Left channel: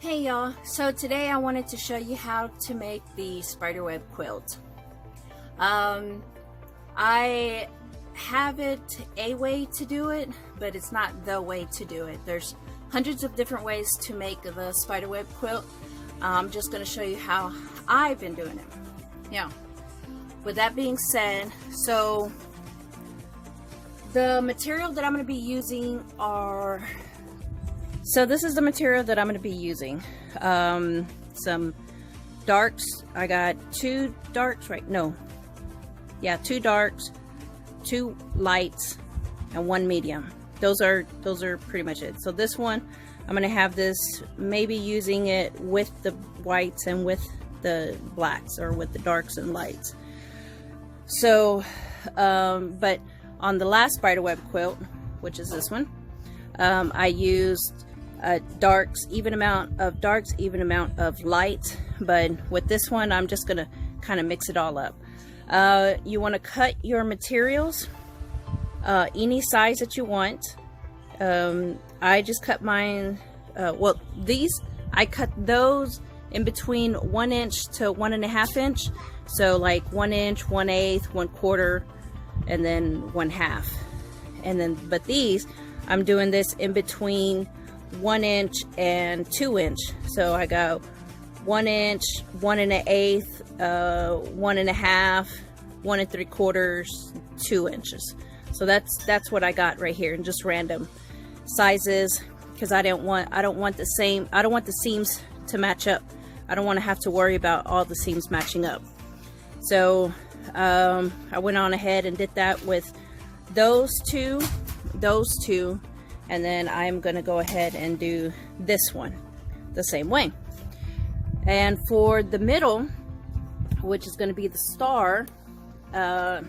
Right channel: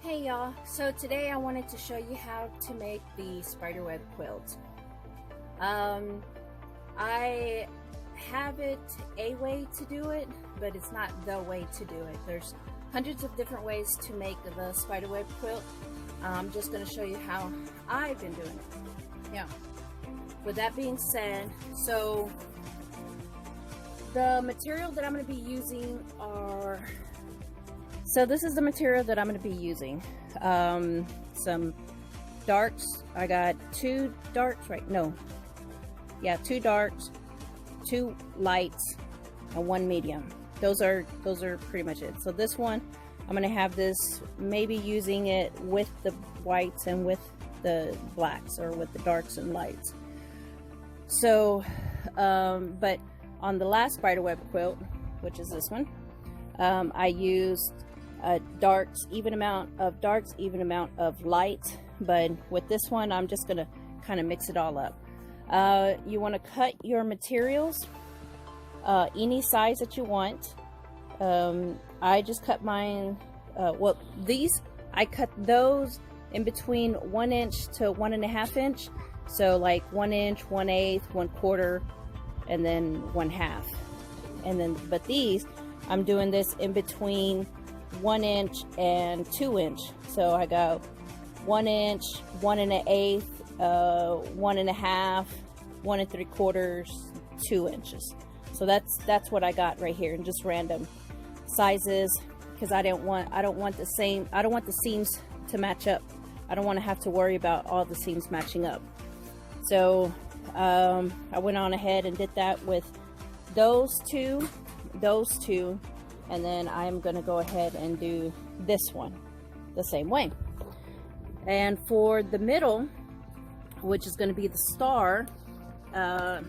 Hey y'all, so today I wanted to show you how to make the spiderweb quilt. I have it a way to do it, but it's not the way to do it. There's hundreds of different ways to make the spiderweb quilt. I'm just going to show you how I've been doing it. Now, with that being said, so the material that I'm going to be using are... So this is the material that I'm going to be using. Some darks. I got two darks, right? No. Yeah, two darks, two lights, and one medium. Those are pretty much it. So this one, I'm going to have this, maybe using it with the whites and with the blacks, or with the darks and lights. So, but on the last spiderweb quilt, which is this one, I used darks, even amount of darks, even amount of light. But with this one, I'm just gonna kind of mix it all up. You want to cut your materials any size that you want. I just cut mine, well, these, I cut those in between 1 inch to 1.5 inch. So like 1 inch, 1/8, 1/4, and then 1/2. And then, but these, I'm doing this in between 1 inch and 2 inch. So I go 1 inch, 1.125, 1.5, 1 3/4, 2 inches. So that's what I got right here, and just random sizes, because I don't want the seams to match up. I don't want to have to worry about all the seams matching up. So I went on ahead and did that with those two, and then I'm gonna go ahead and do this one the same way. And for the middle, which is gonna be the star, that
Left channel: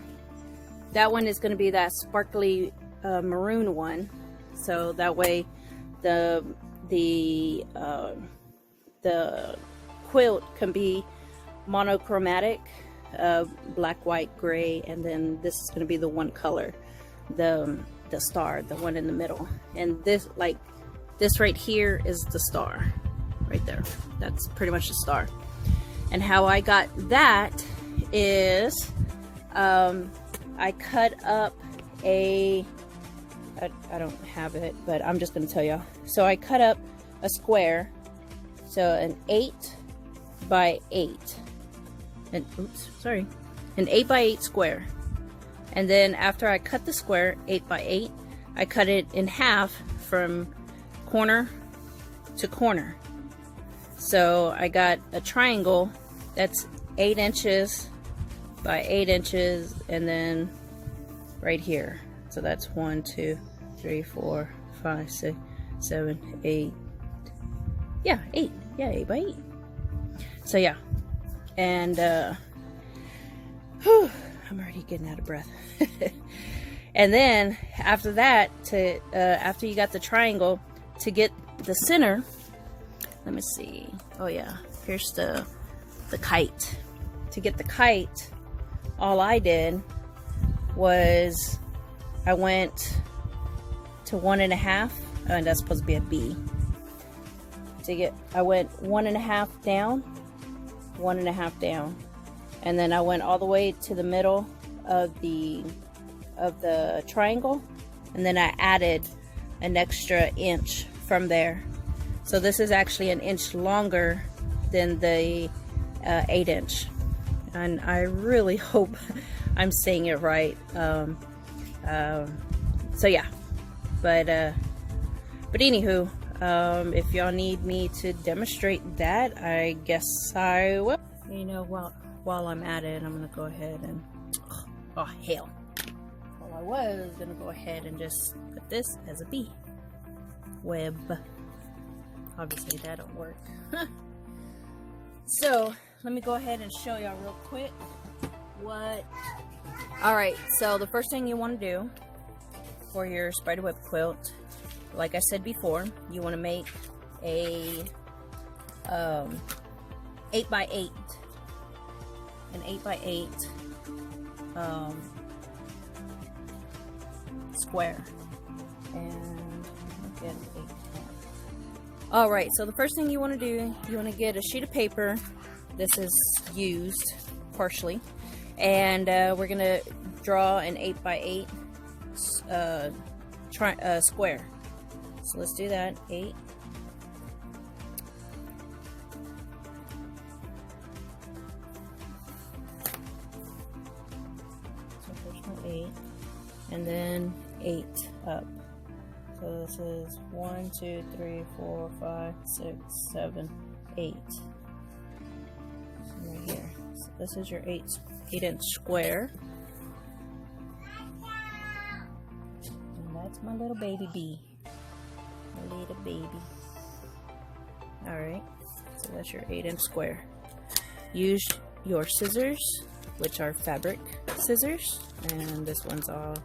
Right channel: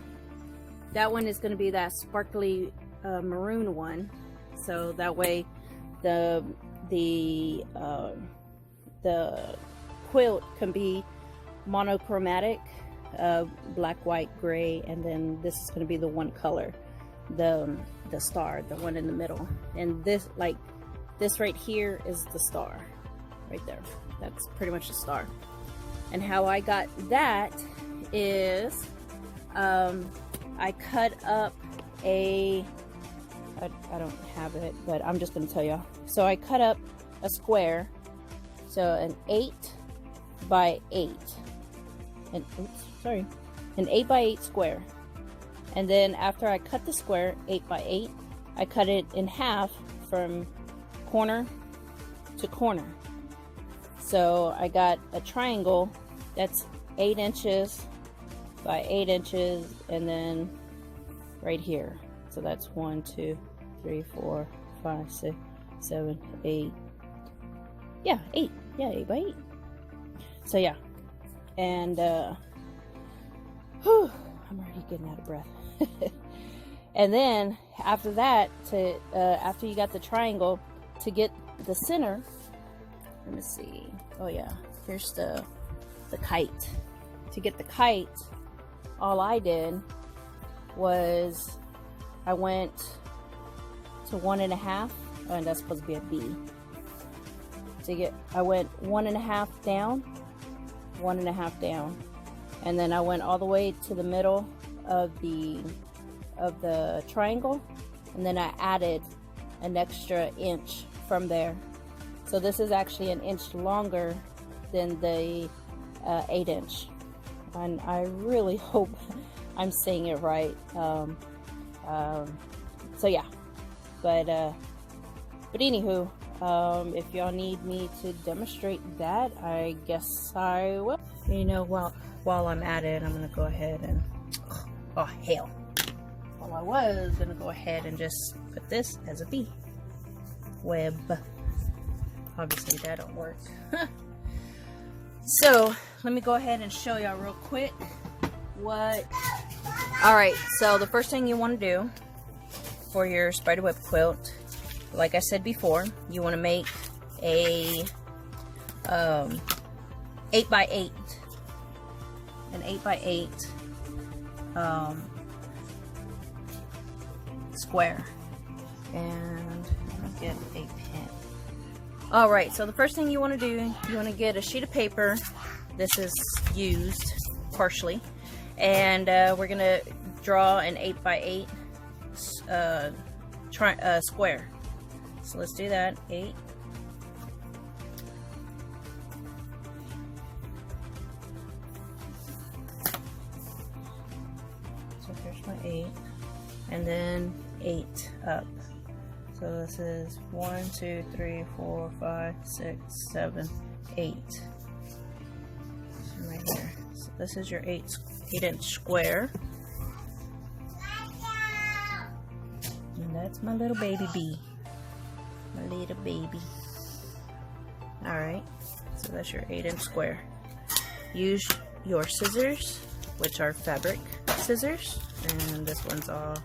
one is gonna be that sparkly maroon one. So that way the quilt can be monochromatic, black, white, gray, and then this is gonna be the one color, the star, the one in the middle. And this, like this right here, is the star right there. That's pretty much the star. And how I got that is I cut up I don't have it, but I'm just gonna tell y'all. So I cut up a square, so an 8 by 8, and an 8 by 8 square. And then after I cut the square 8 by 8, I cut it in half from corner to corner. So I got a triangle that's 8 inches by 8 inches, and then right here. So that's 1, 2, 3, 4, 5, 6, 7, 8. Yeah, 8. Yeah, 8 by 8. So yeah, and whew, I'm already getting out of breath. And then after that, after you got the triangle, to get the center, let me see. Oh yeah, here's the kite. To get the kite, all I did was I went to 1.5, and that's supposed to be a B. I went 1.5 down, 1.5 down, and then I went all the way to the middle of the triangle, and then I added an extra inch from there. So this is actually an inch longer than the 8 inch, and I really hope I'm saying it right. So yeah, but anywho, if y'all need me to demonstrate that, I guess I will. You know, while I'm at it, I'm gonna go ahead and, oh hell, well, I was gonna go ahead and just put this as a bee web. Obviously that don't work. So let me go ahead and show y'all real quick what. All right, so the first thing you want to do for your spiderweb quilt, like I said before, you want to make a 8 by 8, an 8 by 8 square. And I'll get a pen. Alright, so the first thing you want to do, you want to get a sheet of paper. This is used partially. And we're going to draw an 8x8 square. So let's do that. 8. So there's my 8. And then 8 up. So this is 1, 2, 3, 4, 5, 6, 7, 8. So right here. So this is your 8-inch square. And that's my little baby bee. My little baby. Alright. So that's your 8-inch square. Use your scissors, which are fabric scissors. And this one's all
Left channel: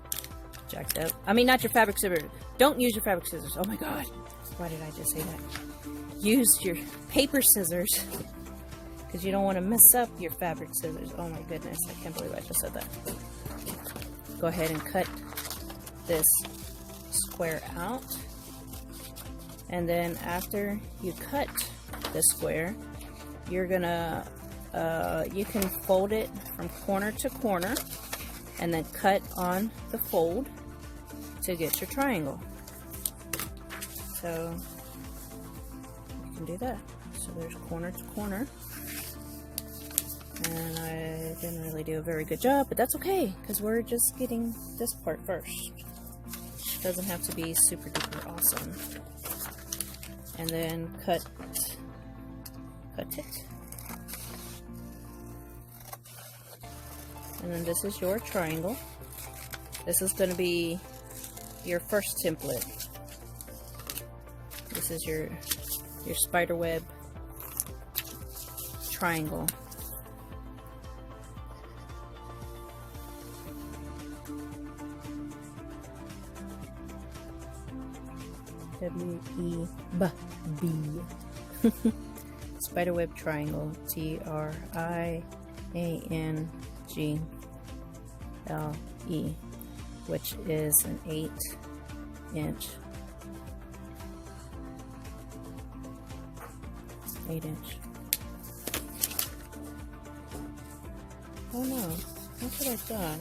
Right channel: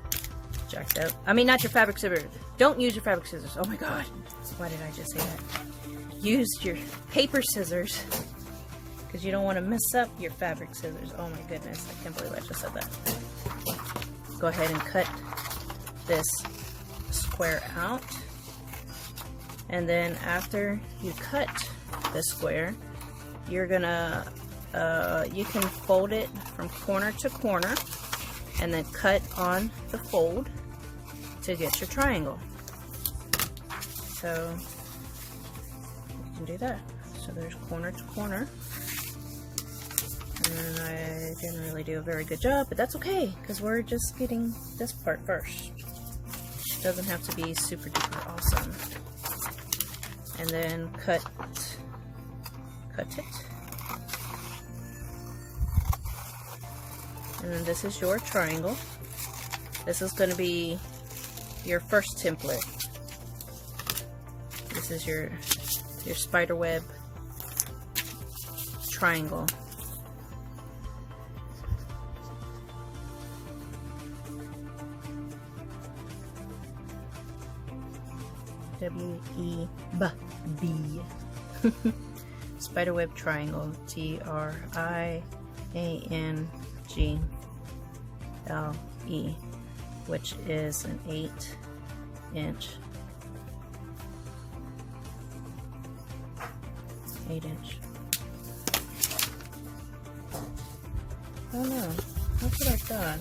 jacked up. I mean, not your fabric scissors. Don't use your fabric scissors. Oh my god. Why did I just say that? Use your paper scissors, because you don't want to mess up your fabric scissors. Oh my goodness. I can't believe I just said that. Go ahead and cut this square out. And then after you cut the square, you're gonna, you can fold it from corner to corner and then cut on the fold to get your triangle. So you can do that. So there's corner to corner. And I didn't really do a very good job, but that's okay, because we're just getting this part first. It doesn't have to be super duper awesome. And then cut it. And then this is your triangle. This is going to be your first template. This is your spiderweb triangle. W-E-B-B. Spiderweb triangle. T-R-I-A-N-G-L-E, which is an 8-inch. 8-inch. Oh no, that's what I thought.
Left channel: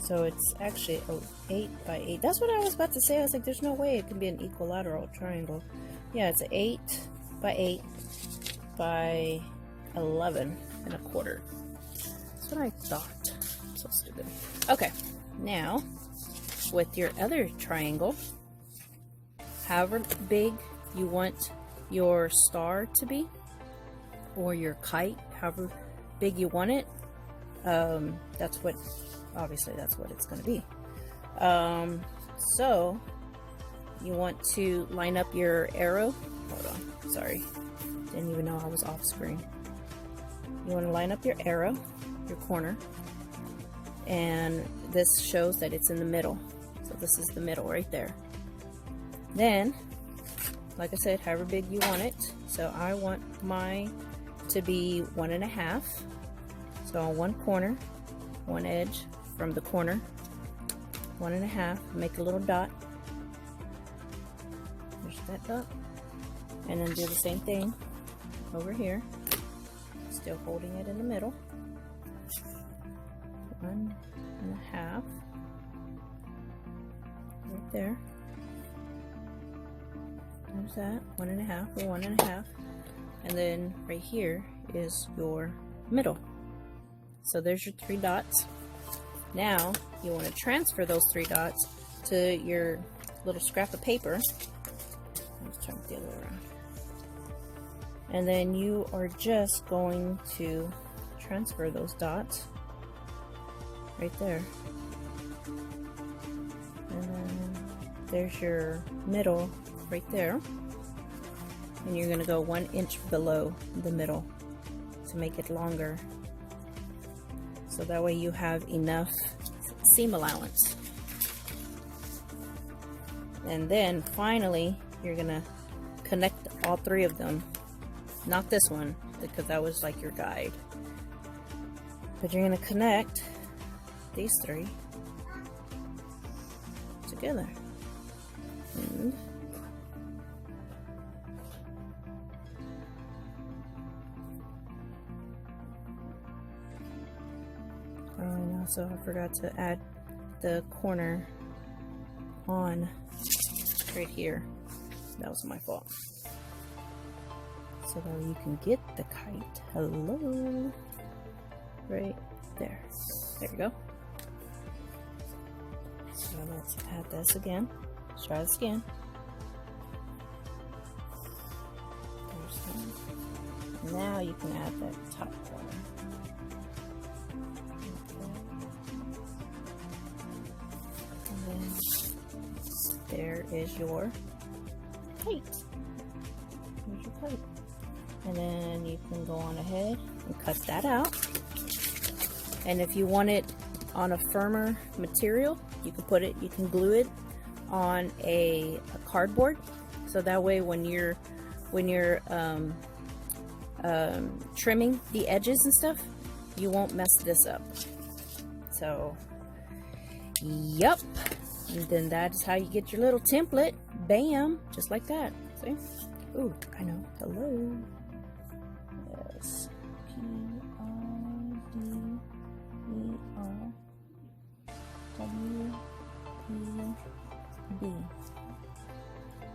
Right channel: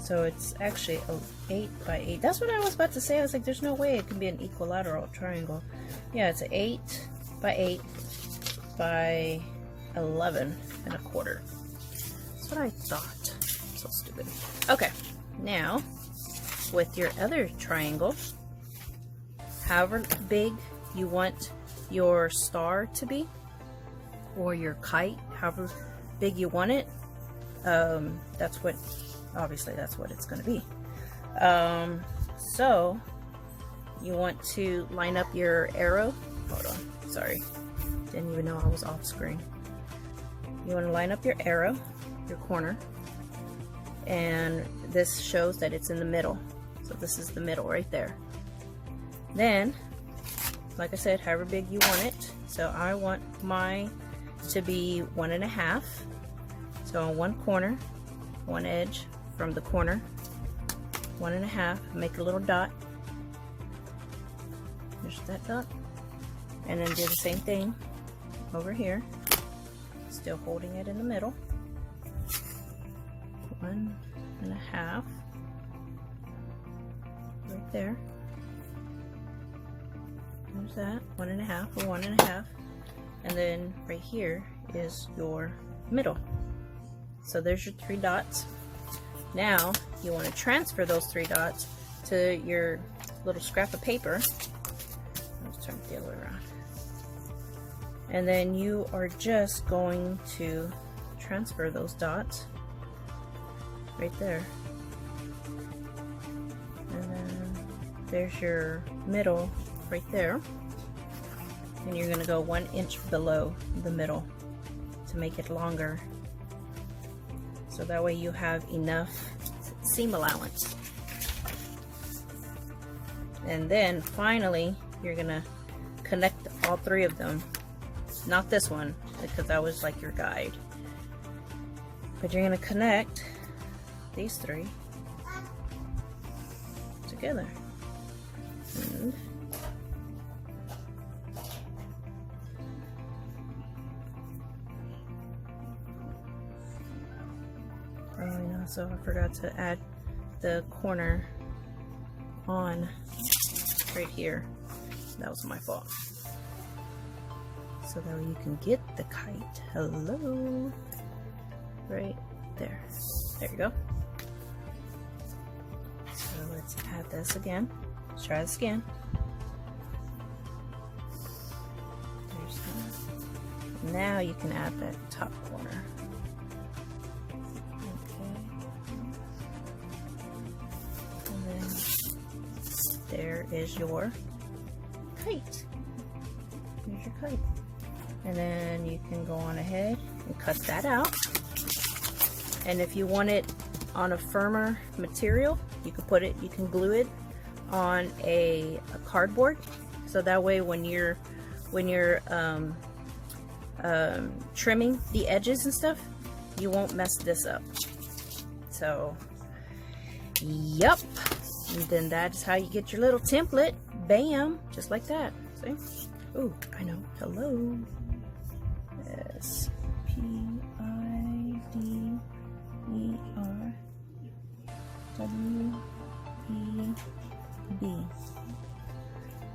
So it's actually 8 by 8. That's what I was about to say. I was like, there's no way it can be an equilateral triangle. Yeah, it's 8 by 8 by 11 and a quarter. That's what I thought. So stupid. Okay, now with your other triangle, however big you want your star to be, or your kite, however big you want it, that's what, obviously that's what it's going to be. So you want to line up your arrow. Hold on, sorry, didn't even know I was off screen. You want to line up your arrow, your corner, and this shows that it's in the middle. So this is the middle right there. Then, like I said, however big you want it. So I want mine to be 1.5. So on one corner, one edge from the corner, 1.5. Make a little dot. There's that dot. And then do the same thing over here. Still holding it in the middle. 1.5. Right there. There's that. 1.5 or 1.5. And then right here is your middle. So there's your 3 dots. Now you want to transfer those 3 dots to your little scrap of paper. Let's turn it the other way around. And then you are just going to transfer those dots right there. And then there's your middle right there. And you're going to go 1 inch below the middle to make it longer. So that way you have enough seam allowance. And then finally you're going to connect all 3 of them. Not this one, because that was like your guide. But you're going to connect these 3 together. And Also, I forgot to add the corner on right here. That was my fault. So that you can get the kite. Hello. Right there. There you go. So let's add this again. Let's try this again. There's that. Now you can add that top corner. There is your kite. Here's your kite. And then you can go on ahead and cut that out. And if you want it on a firmer material, you can glue it on a cardboard. So that way when you're trimming the edges and stuff, you won't mess this up. So, yep. And then that's how you get your little template. Bam! Just like that. See? Ooh, I know. Hello. Yes. Spiderweb.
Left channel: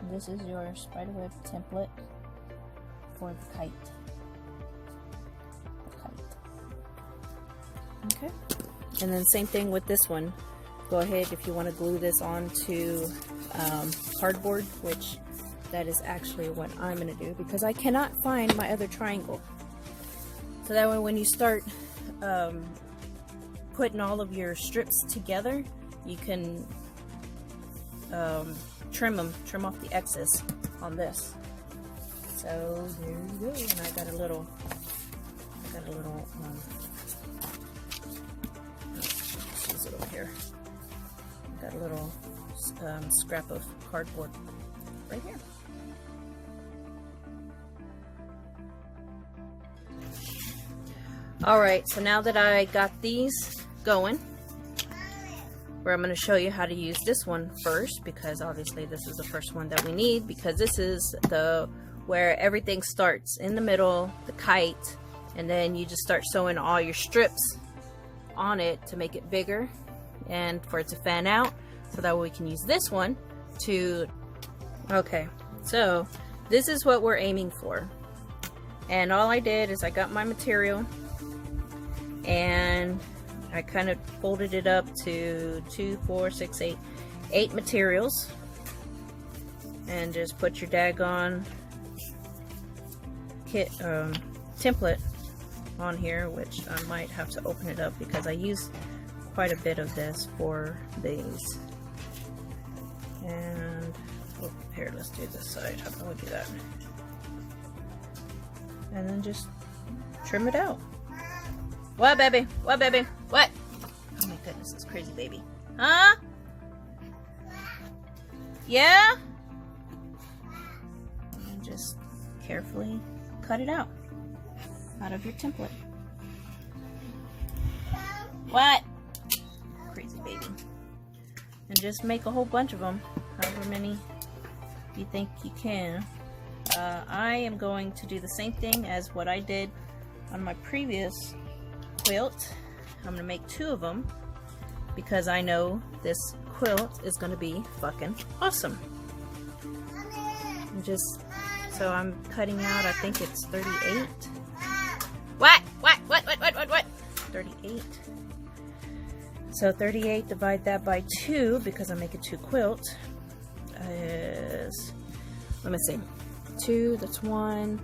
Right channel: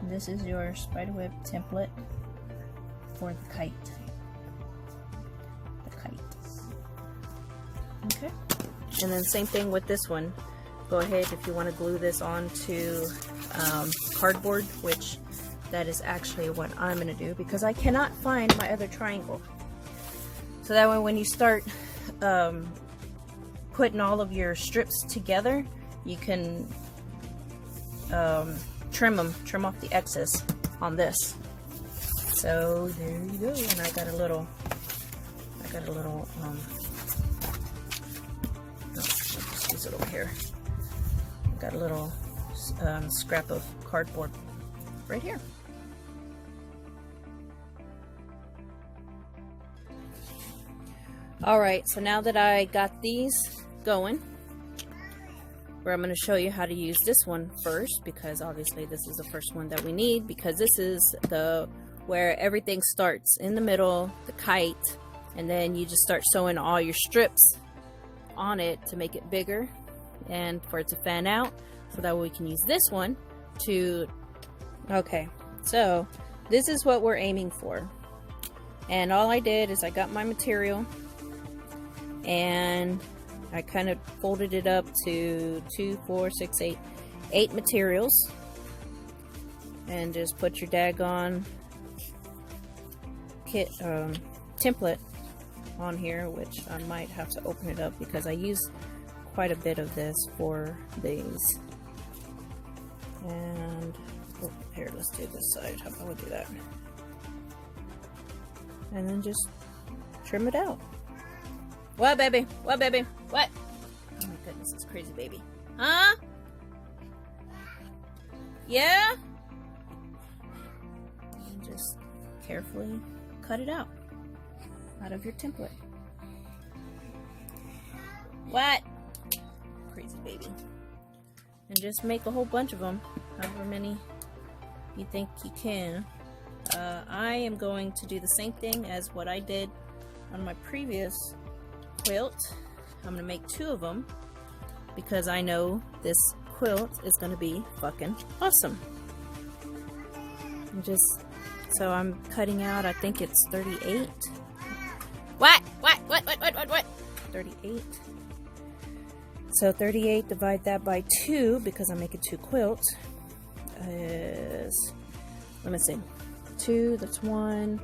This is your spiderweb template for the kite. Okay. And then same thing with this one. Go ahead if you want to glue this onto cardboard, which that is actually what I'm going to do because I cannot find my other triangle. So that way when you start putting all of your strips together, you can trim off the excess on this. So there you go. And I got a little let's use it over here. Got a little scrap of cardboard right here. Alright, so now that I got these going, where I'm going to show you how to use this one first, because obviously this is the first one that we need, because this is where everything starts in the middle, the kite, and then you just start sewing all your strips on it to make it bigger and for it to fan out, so that way we can use this one to, okay, so this is what we're aiming for. And all I did is I got my material and I kind of folded it up to 2, 4, 6, 8 materials, and just put your daggone template on here, which I might have to open it up because I used quite a bit of this for these. And oh, here, let's do this side. How can we do that? And then just trim it out. What, baby? What, baby? What? Oh my goodness, this crazy baby. Huh? Yeah? And just carefully cut it out of your template. What? Crazy baby. And just make a whole bunch of them, however many you think you can. I am going to do the same thing as what I did on my previous quilt. I'm gonna make 2 of them because I know this quilt is gonna be fucking awesome. And just so I'm cutting out, I think it's 38. What? 38. So 38, divide that by 2 because I'm making 2 quilts. Is, let me see, 2, that's 1,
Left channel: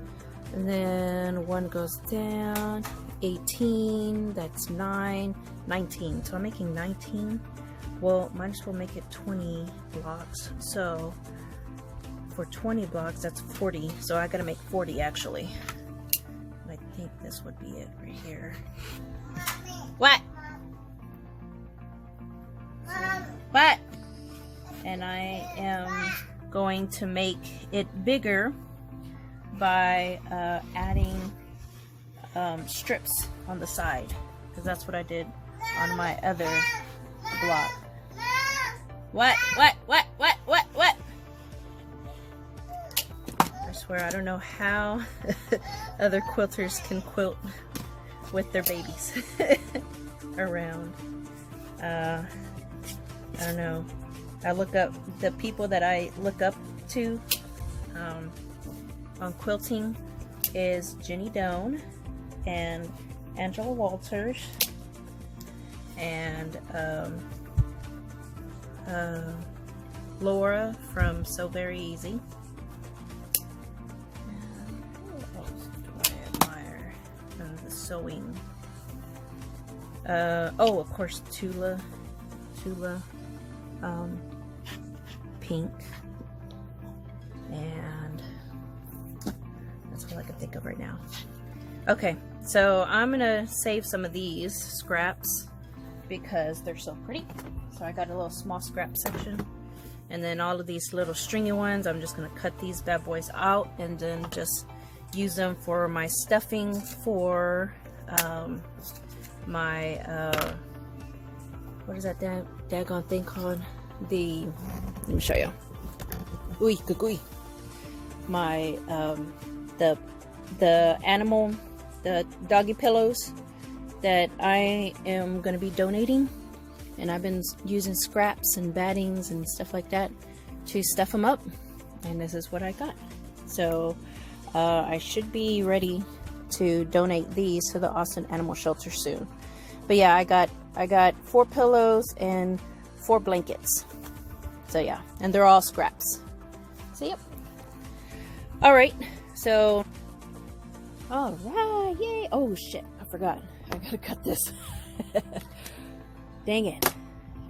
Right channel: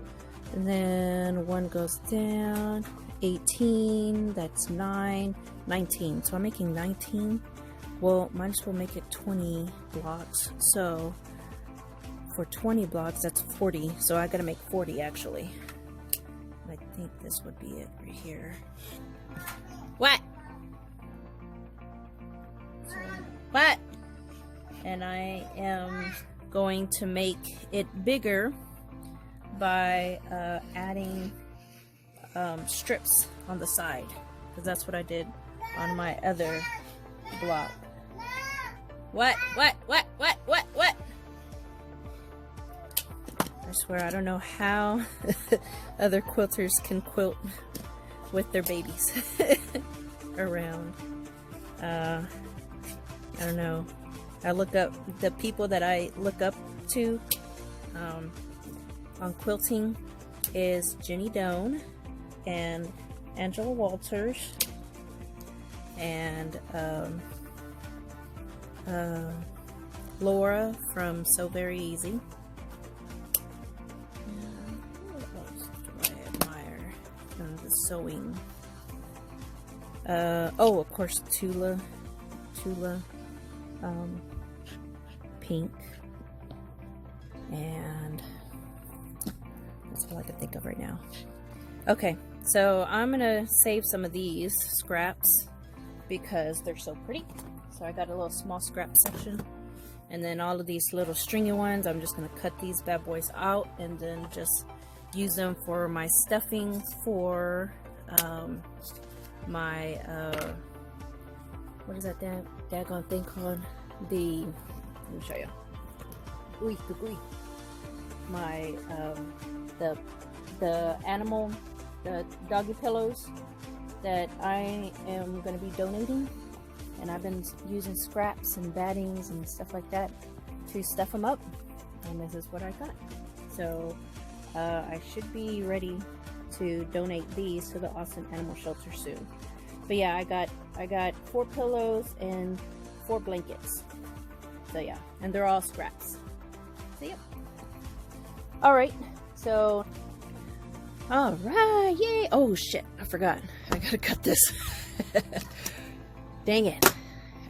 and then 1 goes down. 18, that's 9, 19. So I'm making 19. Well, might as well make it 20 blocks. So for 20 blocks, that's 40. So I gotta make 40 actually. I think this would be it right here. What? What? And I am going to make it bigger by adding strips on the side, because that's what I did on my other block. What? I swear I don't know how other quilters can quilt with their babies around. I don't know. I look up the people that I look up to on quilting is Jenny Doan and Angela Walters and Laura from So Very Easy. What else do I admire from the sewing? Oh, of course, Tula Pink, and that's all I can think of right now. Okay, so I'm gonna save some of these scraps because they're so pretty. So I got a little small scrap section, and then all of these little stringy ones, I'm just gonna cut these bad boys out and then just use them for my stuffing for my what is that daggone thing called? Let me show you. Ooey, gooey. My the animal, the doggy pillows that I am going to be donating, and I've been using scraps and battings and stuff like that to stuff them up, and this is what I got. So I should be ready to donate these to the Austin Animal Shelter soon. But yeah, I got 4 pillows and 4 blankets. So yeah, and they're all scraps. So yep. All right, so all right, yay! Oh shit, I forgot. I gotta cut this. Dang it!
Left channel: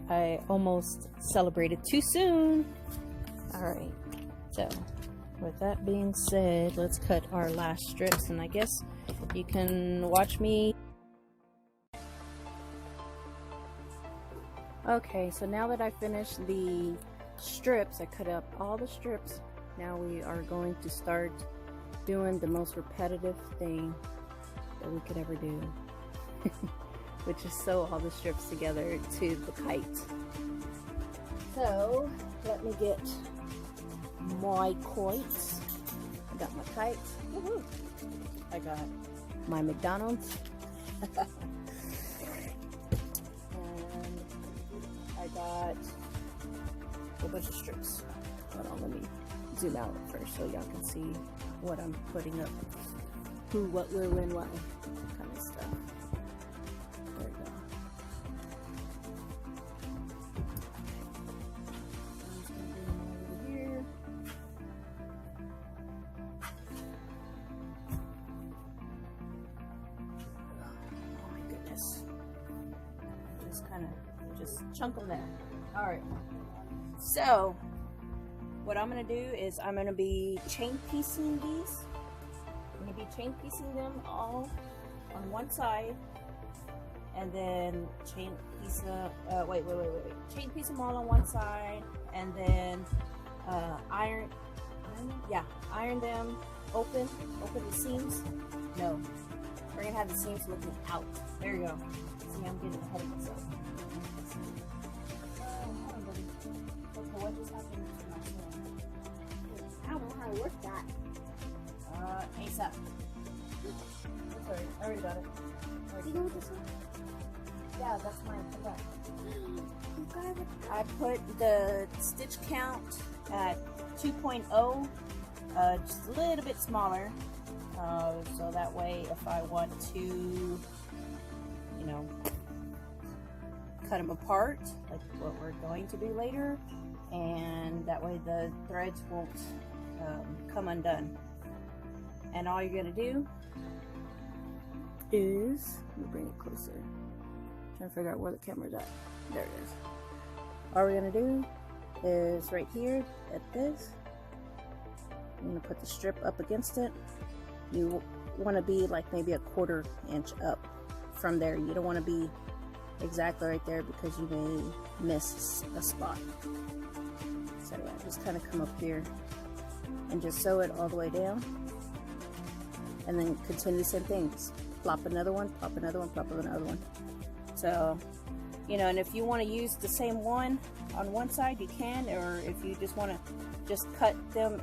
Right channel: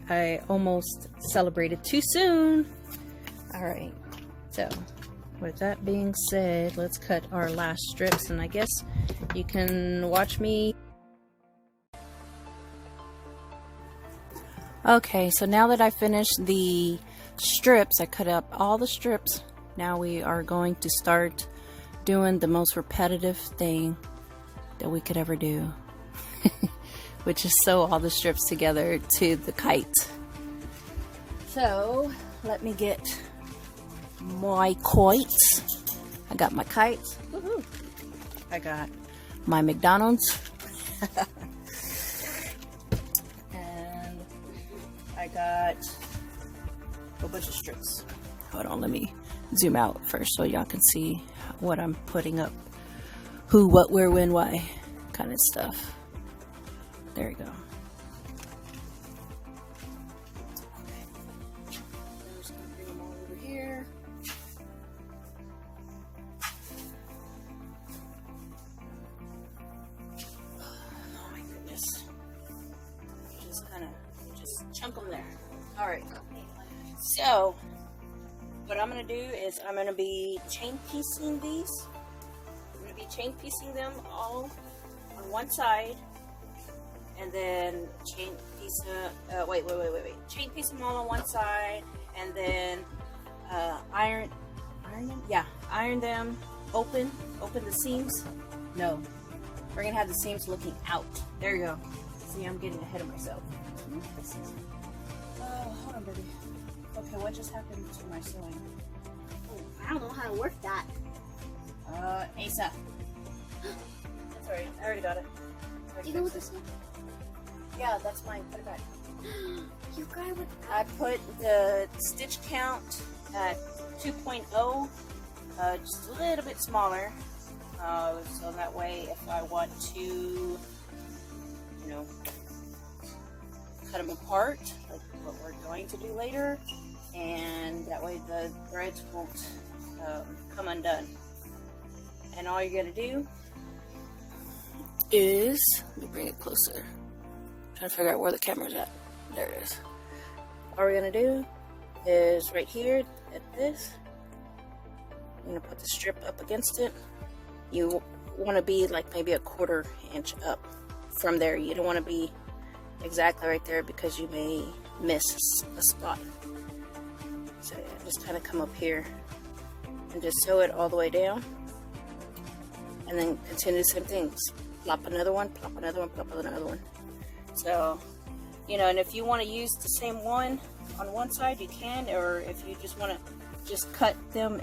I almost celebrated too soon. All right, so with that being said, let's cut our last strips, and I guess you can watch me. Okay, so now that I finished the strips, I cut up all the strips. Now we are going to start doing the most repetitive thing that we could ever do, which is sew all the strips together to the kite. So let me get my kites. I got my kites. Woohoo. I got my McDonald's. I got a bunch of strips. Hold on, let me zoom out first so y'all can see what I'm putting up. Who, what, where, when, why kind of stuff. There we go. I'm just gonna bring them all over here. Oh my goodness. Just chunk them there. All right, so what I'm gonna do is I'm gonna be chain piecing these. I'm gonna be chain piecing them all on one side, and then chain piece chain piece them all on one side, and then iron them, open the seams. No, we're gonna have the seams looking out. There you go. See, I'm getting ahead of myself. Hold on, baby. Okay, what just happened to my sewing? I don't know how to work that. ASAP. That's alright, I already got it. Do you know what this is? Yeah, that's mine. Put it back. You got it. I put the stitch count at 2.0, just a little bit smaller, so that way if I want to, you know, cut them apart, like what we're going to do later, and that way the threads won't come undone. And all you're gonna do is, let me bring it closer. I'm trying to figure out where the camera's at. There it is. All we're gonna do is right here at this, I'm gonna put the strip up against it. You want to be like maybe a 1/4 inch up from there. You don't want to be exactly right there because you may miss a spot. So yeah, just kind of come up here and just sew it all the way down, and then continue the same things. Plop another one, plop another one, plop another one. So, you know, and if you want to use the same one on one side, you can, or if you just want to just cut them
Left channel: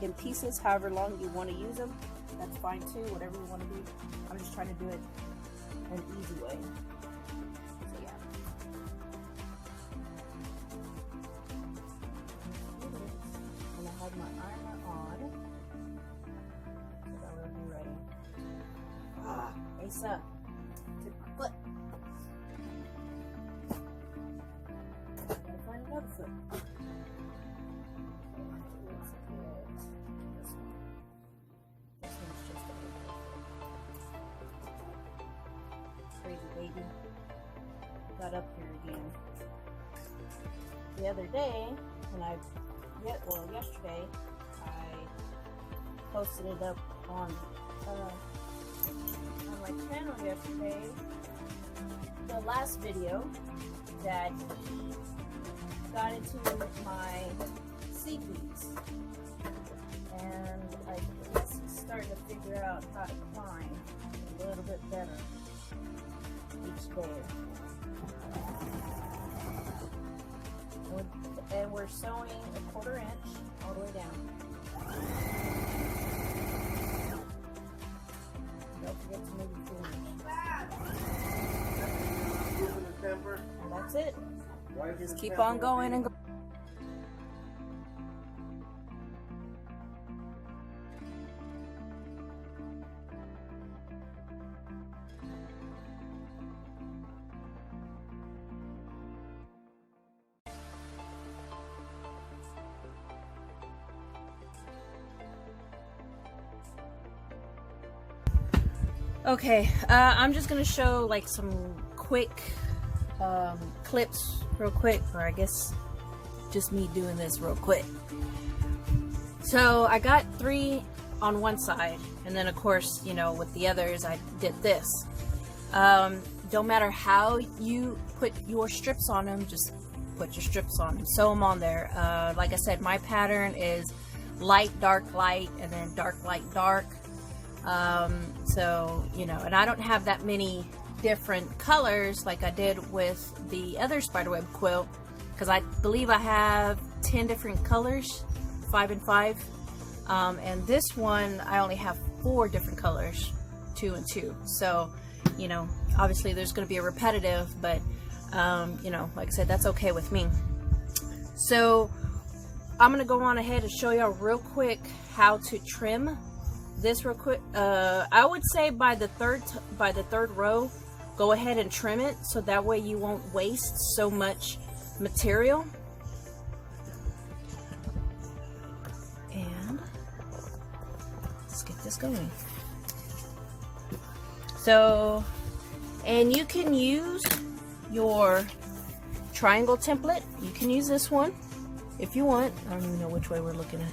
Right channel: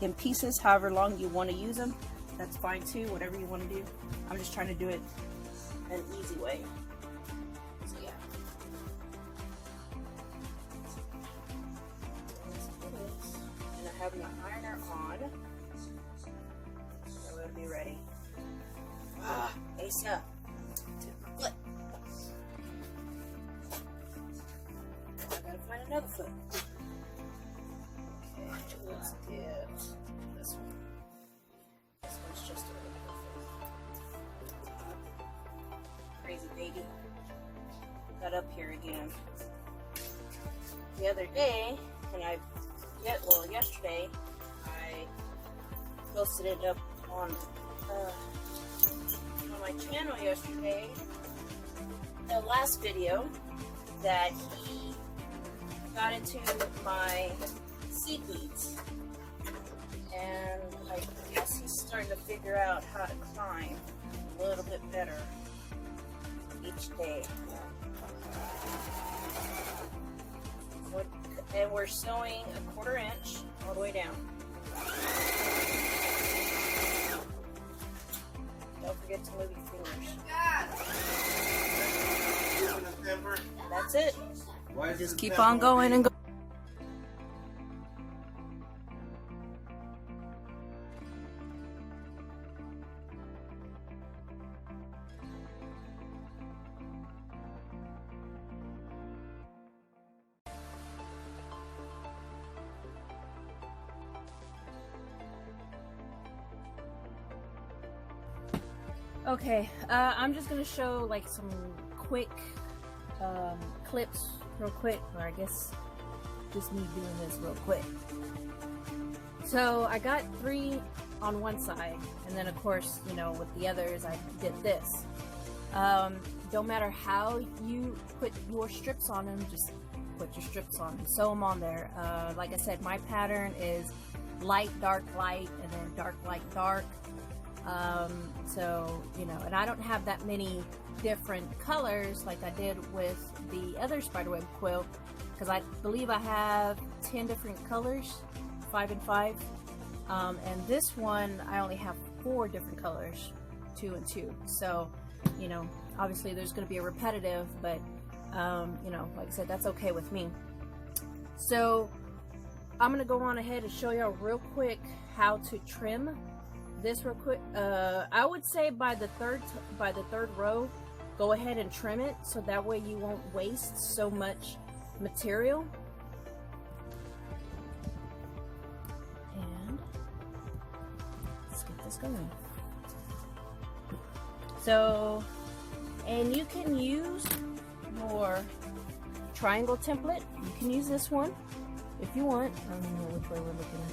in pieces, however long you want to use them, that's fine too, whatever you want to do. I'm just trying to do it an easy way. So yeah. ironer on. So we'll be ready. Asa, to the foot. I gotta find another foot. Okay, let's get this one. This one's just a little bit. Crazy baby. Got up here again. The other day, yesterday, I posted it up on my channel yesterday, the last video, that he got into my seed beads, and I guess he's starting to figure out how to climb a little bit better each day. And we're sewing a 1/4 inch all the way down. Don't forget to move your fingers. And that's it. Just keep on going and going. Okay, I'm just gonna show like some quick clips real quick, or I guess just me doing this real quick. So I got 3 on one side, and then of course, you know, with the others I did this. Don't matter how you put your strips on them, just put your strips on them, sew them on there. Like I said, my pattern is light, dark, light, and then dark, light, dark. So, you know, and I don't have that many different colors like I did with the other spiderweb quilt, because I believe I have 10 different colors, 5 and 5. And this one I only have 4 different colors, 2 and 2. So, you know, obviously there's going to be a repetitive, but you know, like I said, that's okay with me. So I'm going to go on ahead and show y'all real quick how to trim this real quick. I would say by the third row, go ahead and trim it, so that way you won't waste so much material. And let's get this going. So, and you can use your triangle template. You can use this one if you want. I don't even know which way we're looking at.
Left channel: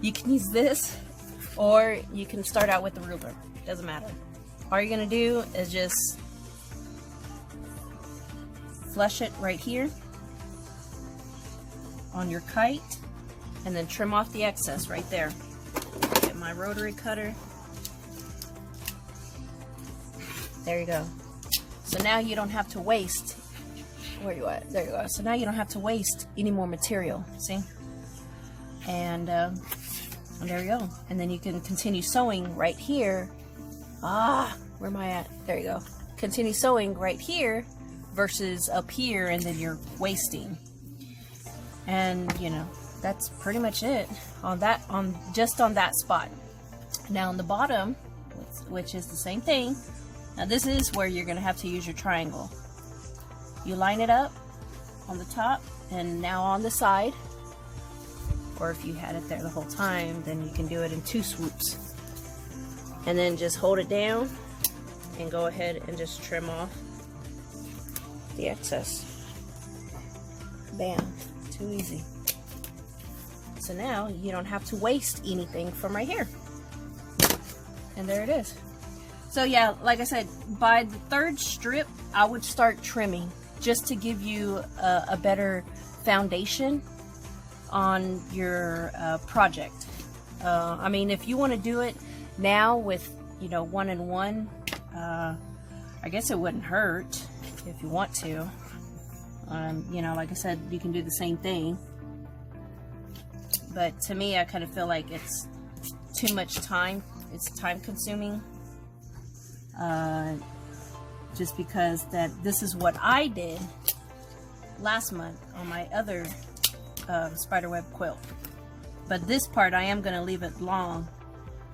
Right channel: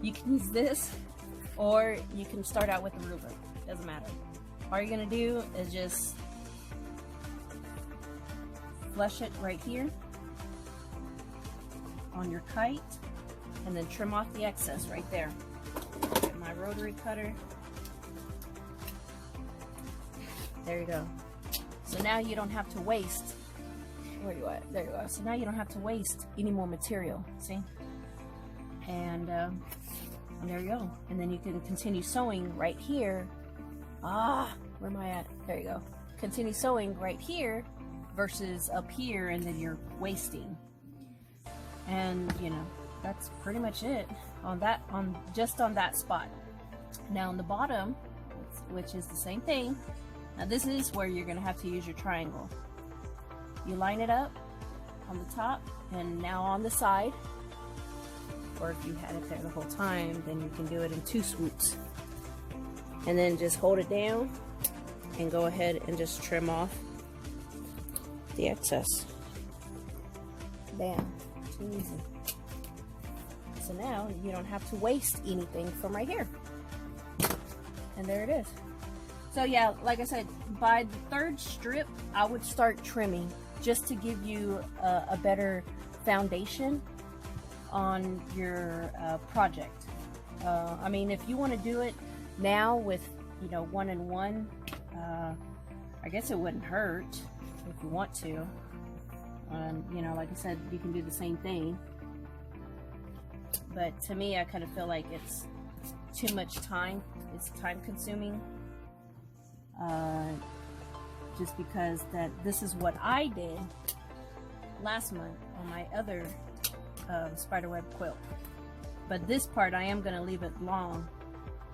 You can use this, or you can start out with the ruler. Doesn't matter. All you're gonna do is just flush it right here on your kite, and then trim off the excess right there. Get my rotary cutter. There you go. So now you don't have to waste. Where you at? There you go. So now you don't have to waste any more material. See? And there you go. And then you can continue sewing right here. Where am I at? There you go. Continue sewing right here versus up here, and then you're wasting. And you know, that's pretty much it on that, just on that spot. Now on the bottom, which is the same thing. Now this is where you're gonna have to use your triangle. You line it up on the top, and now on the side, or if you had it there the whole time, then you can do it in 2 swoops. And then just hold it down and go ahead and just trim off the excess. Bam, too easy. So now you don't have to waste anything from right here. And there it is. So yeah, like I said, by the 3rd strip, I would start trimming, just to give you a better foundation on your project. I mean, if you want to do it now with, you know, 1 and 1, I guess it wouldn't hurt if you want to. You know, like I said, you can do the same thing. But to me, I kind of feel like it's too much time. It's time consuming. Just because this is what I did last month on my other spiderweb quilt. but this part I am gonna leave it long,